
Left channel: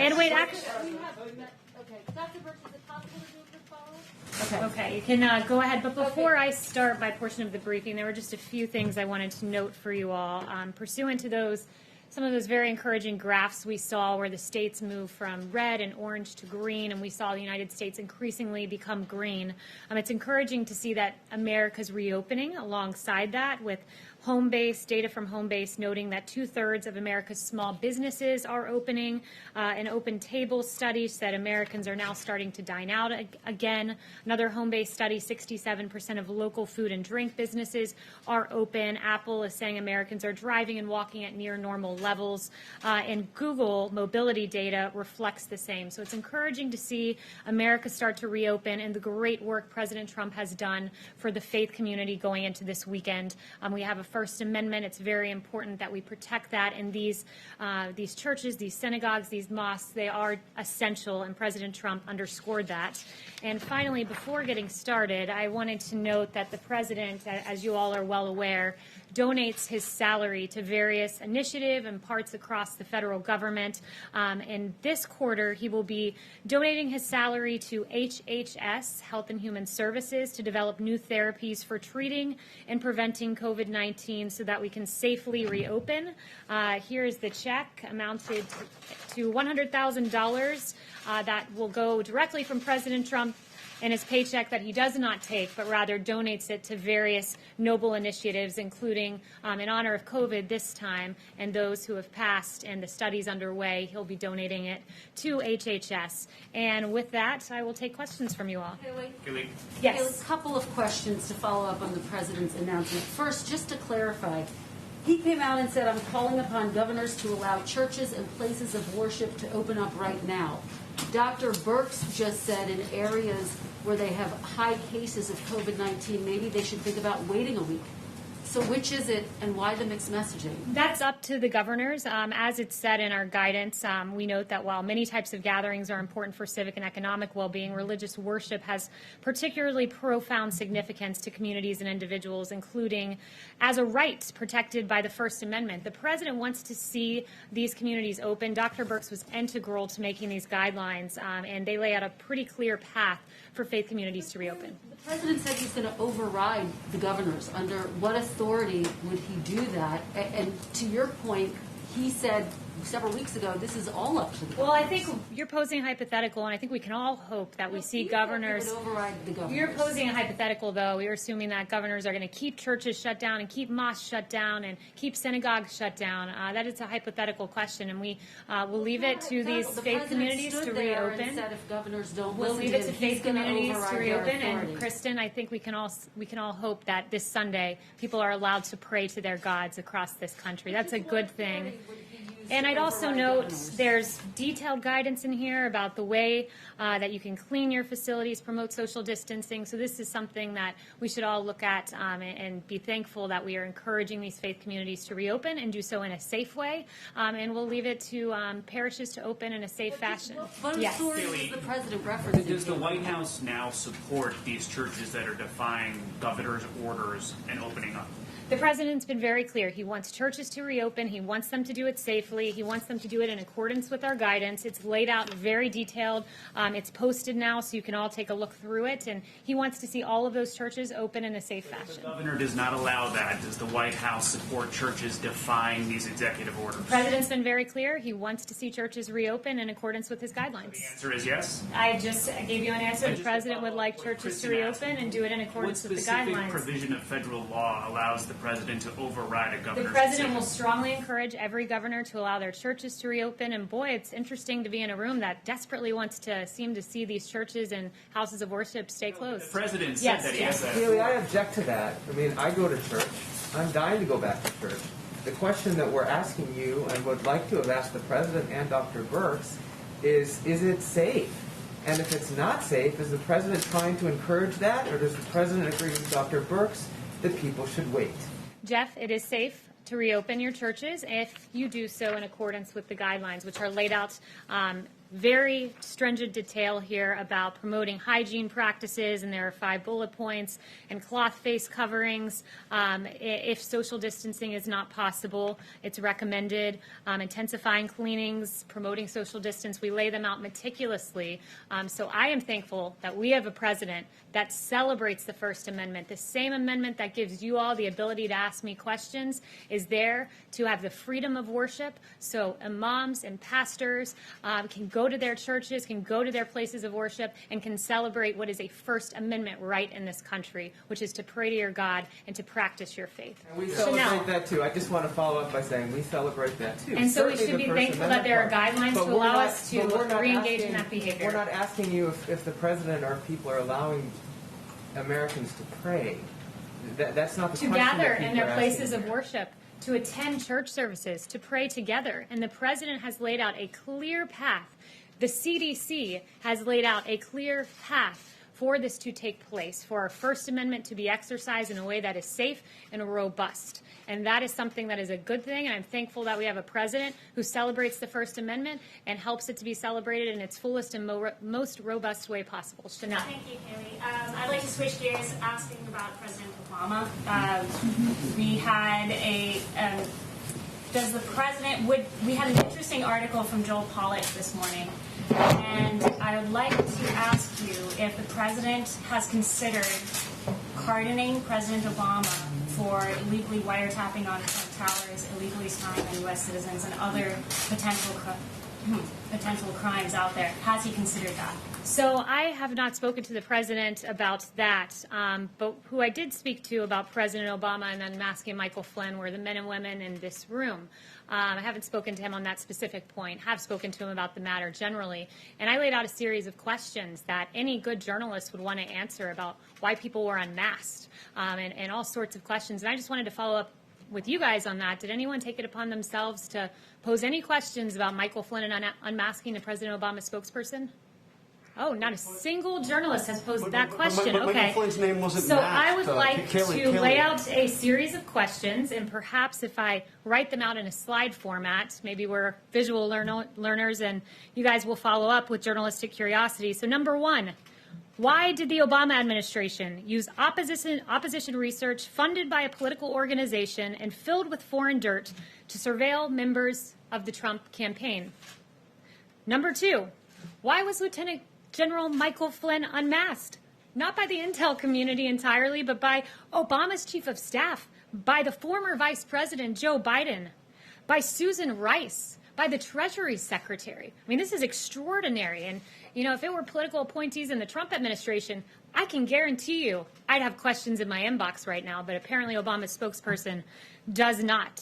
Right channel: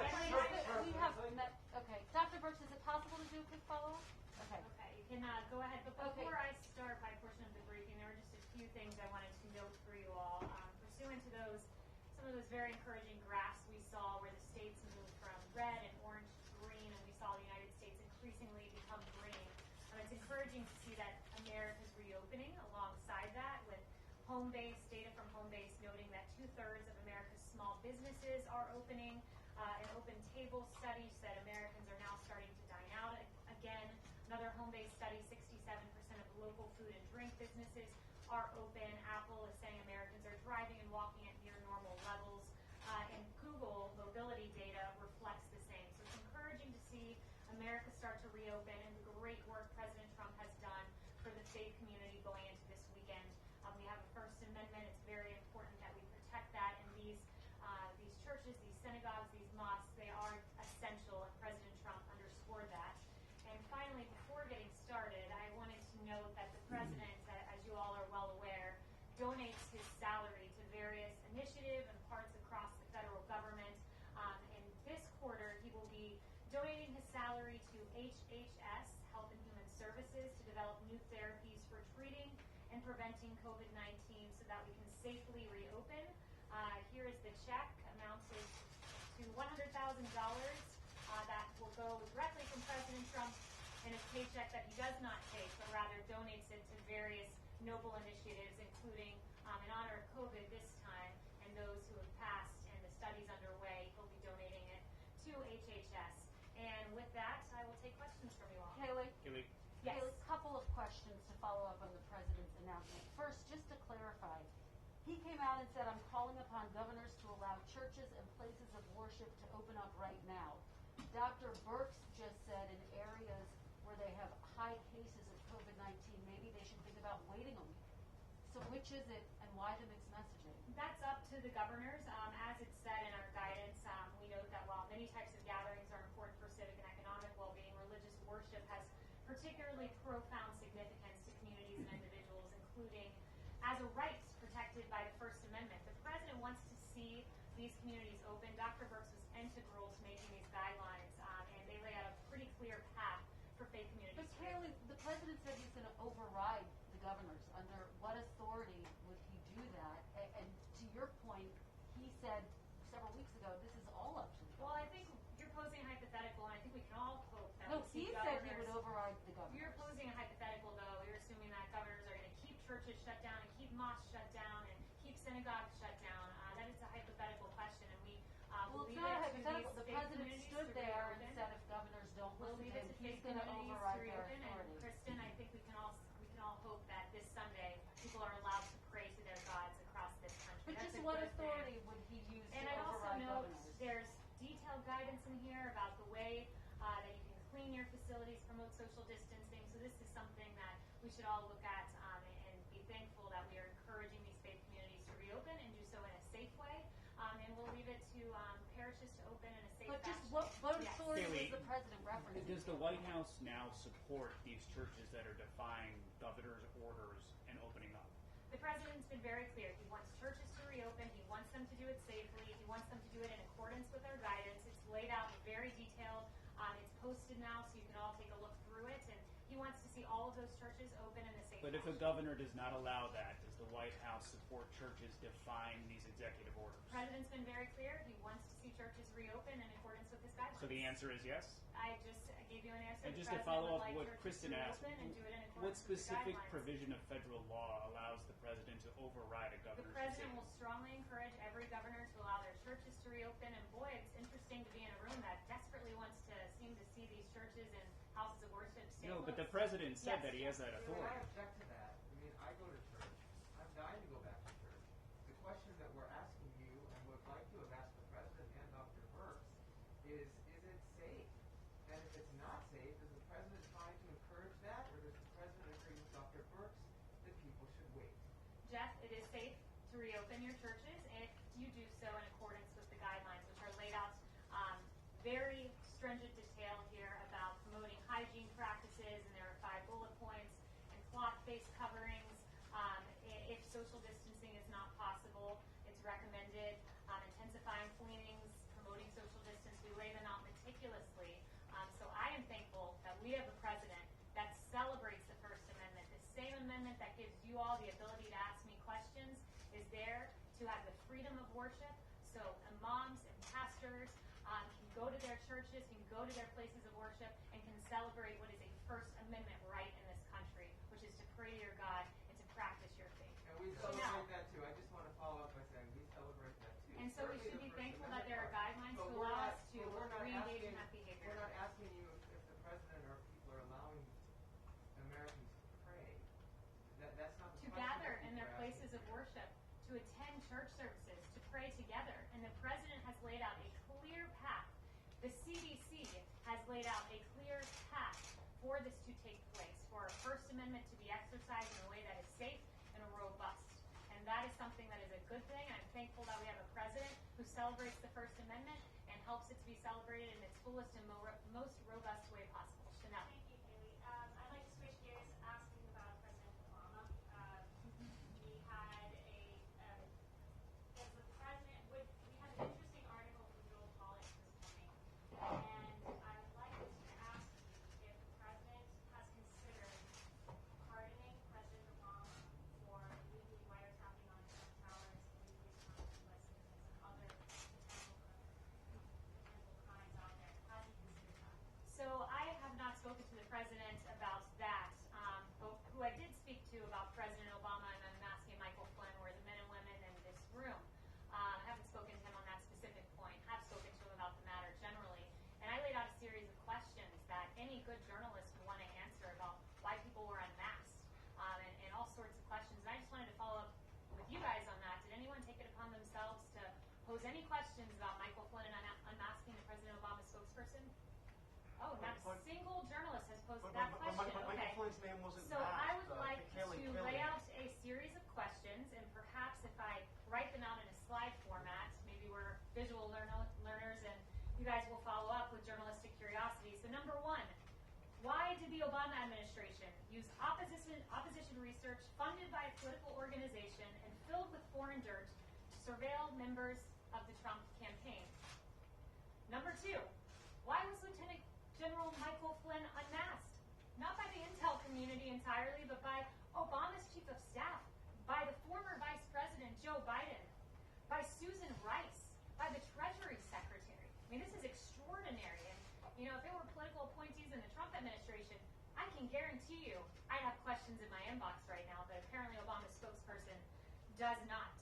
And wait, actually... Okay, Dr. Brooks, is it possible to do a quick follow-up? Okay, you can go ahead. But before I start my portion of the briefing, there were just a few things I wanted to note for you all. Pursuant to some of those very encouraging graphs we saw where the states moved from red and orange to green, and we saw the United States increasingly become green. It's encouraging to see that America's reopening alongside that, with Homebase, data from Homebase noting that 2/3 of America's small businesses are opening. An Open Table study said Americans are now starting to dine out again. Another Homebase study, 67% of local food and drink businesses are open. Apple is saying Americans are driving and walking at near normal levels. And Google mobility data reflects the same. So it's encouraging to see America start to reopen and the great work President Trump has done for the faith community going into this weekend. We have a First Amendment. It's very important that we protect that. And these churches, these synagogues, these mosques, they are essential, and President Trump underscored that. And finally, before getting started, I wanted to note that the president, as you all are well aware, donates his salary to various initiatives and parts across the federal government. In this quarter, he will be donating his salary to HHS, Health and Human Services, to develop new therapies for treating and preventing COVID-19 so that we can safely reopen. Here is the check, amounted to $100,000 that will go directly from President Trump and his paycheck that he does not take, but rather donates it to various noble initiatives, including in honor of COVID this time and those who have passed and the studies underway. He'll be donating it to HHS. And with that, I will take questions from you all. Haley? Yes. A couple of questions to follow up on the president's announcement. First, just to clarify, he came out and said, I'm calling upon governors to allow churches and places of worship to open up right now. Dr. Birx just said in areas where they have high cases of COVID-19, maybe they should think about waiting a week. So which is it, and why the mixed messaging? That's up to the governors. As it's said in our guidance, we note that while many types of gatherings are important for civic and economic well-being, religious worship has particularly profound significance to communities and individuals, including as a right protected by the First Amendment. The president wants to see these communities open. Dr. Birx was integral to making these guidelines, and they lay out a pretty clear path for faith communities to reopen. The president said he's going to override the governors. Under what authority would he do that? And to your point, he said several weeks ago, this is all up to the governors. Well, I think you're posing a hypothetical, and I think we can all hope that we see governors. Would override the governors. You're posing a hypothetical, though. You're assuming that governors are going to keep churches shut down and keep mosques shut down and keep synagogues shut down. That is a hypothetical question, and we will leave it to these faith communities to reopen. Said if governors don't We'll listen leave to it to him, faith he's gonna communities to override their reopen. And authority. Kristen, I think we can all hope that this Sunday people are allowed to pray to their gods across this country. That's a good thing. And I'd also note there's detailed guidance in here about the way that you can clean your facilities, promote social distancing. So this is something that we should all look at and be thankful that we are encouraging these faith communities to reopen and do so in a safe way. And we'll leave it to parishes to open in a safe fashion. What Yes. authority is the president referencing? Does the White House now support these churches that are defying governor's orders and opening up? The president's been very clear. He wants churches to reopen. He wants them to do it safely. He wants them to do it in accordance with our guidance. It's laid out very detailed. It's posted now, so you can all take a look through it. And he wants to see all of those churches open in a safe fashion. The governor does not allow that. Does the White House support churches defying these executive orders? The president's been very clear. He wants to see churches reopen in accordance with his guidelines. The answer is yes. I just gave you an answer. The president would like churches to reopen and do it in accordance with the What specific guidelines. provision of federal law allows the president to override a The governor's president will decision? strongly encourage every governor to allow their churches to reopen. And boy, it's interesting to be in a room that desperately wants to seem to see these churches and houses of worship stay The closed. president said Yes, that he yes. has that. Haley, I object to that. I mean, I go to church. I'm dying to go back to church. The question that we're asking you and would like to have asked the president and Dr. Birx is it safe? And if it's not safe, is the president trying to encourage that, or does the president agree with Dr. Birx that people should wait? Jeff, it is safe to reopen your churches if you do so in accordance with the guidelines, which are laid out very stringent detail here about promoting hygiene practices, and there are 5 bullet points, and cloth face coverings. If social distancing is not possible, it's recommended. Intensifying cleanings, promoting social distance, we lay them out meticulously. So I am thankful that we have a president that celebrates the First Amendment. The same amendment that gives you all the ability to ask me questions is there to have the freedom of worship, so imams and pastors can go to their churches, can go to their places of worship, and can celebrate what is a First Amendment right in this country, which is to pray to your God and to practice your faith. And we Chanel. celebrate that too. I just want to follow up by saying we celebrate that too. And so we Certainly should the be First thankful that there are Amendment part. guidelines But to we're allow not- us but to we're not re-engage in asking- that behavior. We're not asking you if the president or people are allowing Americans to pray. That's not the To question that gather people in their are asking places of here. worship, to attend church services, to pray together. And the president has laid out a clear path. The CDC has laid out a clear path for this to take place, for our First Amendment to be exercised in a way that is safe and robust. And that is something that is a good thing, and I'm thankful that we have a president who celebrates the First Amendment and helps it to be celebrated in its fullest and most robust way possible. Chanel. Thank you, Haley. I'd like to switch gears, asking about President Obama. We had we had an interesting article from Joel Pollak this morning, and I would like to ask you if the president has considered pardoning President Obama for illegally wiretapping on Trump Towers, illegally spying on U.S. citizens, and other potential crimes out there. Has he considered that? So I have not spoken to the president about that, but who I did speak to about President Obama and Unmasking Michael Flynn were the men and women in this room. I haven't spoken to him on that specific point, have spoken to him about the matter generally, and I laid out a series of questions that any good journalist would want to answer about why people were unmasked, and all sorts of questions. And I just wanted to follow up with you guys on that. Did anyone take it upon themselves to pose any questions about Michael Flynn and unmasking the President Obama spokesperson? Oh, not a single journalist has posed that But question. Michael Okay. Flynn's name wasn't So matched. I would like Kaylee- to lay out a series of questions, and perhaps if I write them out in a slide format, maybe we're visual learners, and you guys will follow up with journalistic curiosity. So number one, why did the Obama administration use opposition research funded by a political organization and filled with foreign dirt to surveil members of the Trump campaign? Number two, why was Lieutenant General Michael Flynn unmasked? Not by the intel community entirely, but by Obama's chief of staff, by the former Vice President Joe Biden, by Susan Rice, by the Treasury Secretary. I mean, this is extraordinary. And, you know, if it were political appointees in the Trump administration, I can guarantee you I'd have questions in my inbox right now, but apparently Obama's spokesperson does not.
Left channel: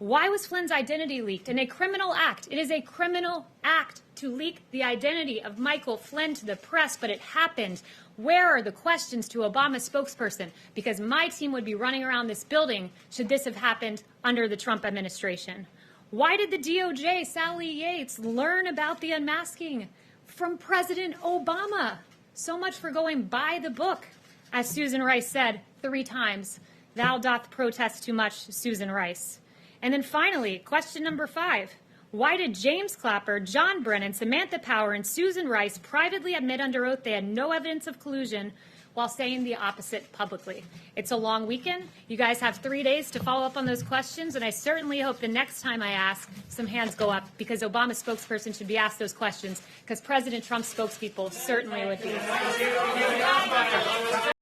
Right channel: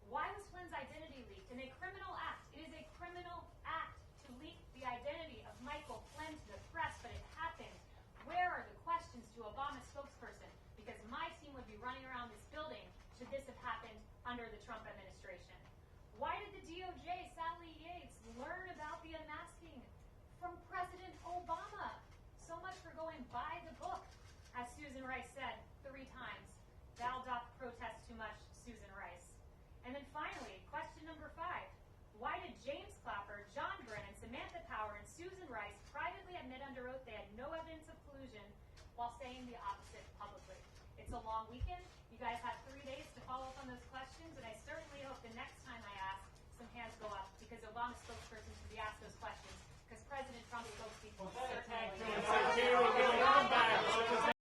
Why was Flynn's identity leaked? In a criminal act. It is a criminal act to leak the identity of Michael Flynn to the press, but it happened. Where are the questions to Obama's spokesperson? Because my team would be running around this building should this have happened under the Trump administration. Why did the DOJ, Sally Yates, learn about the unmasking from President Obama? So much for going by the book. As Susan Rice said 3 times, thou doth protest too much, Susan Rice. And then finally, question number 5. Why did James Clapper, John Brennan, Samantha Power, and Susan Rice privately admit under oath they had no evidence of collusion while saying the opposite publicly? It's a long weekend. You guys have 3 days to follow up on those questions, and I certainly hope the next time I ask, some hands go up, because Obama's spokesperson should be asked those questions, because President Trump's spokespeople certainly would be.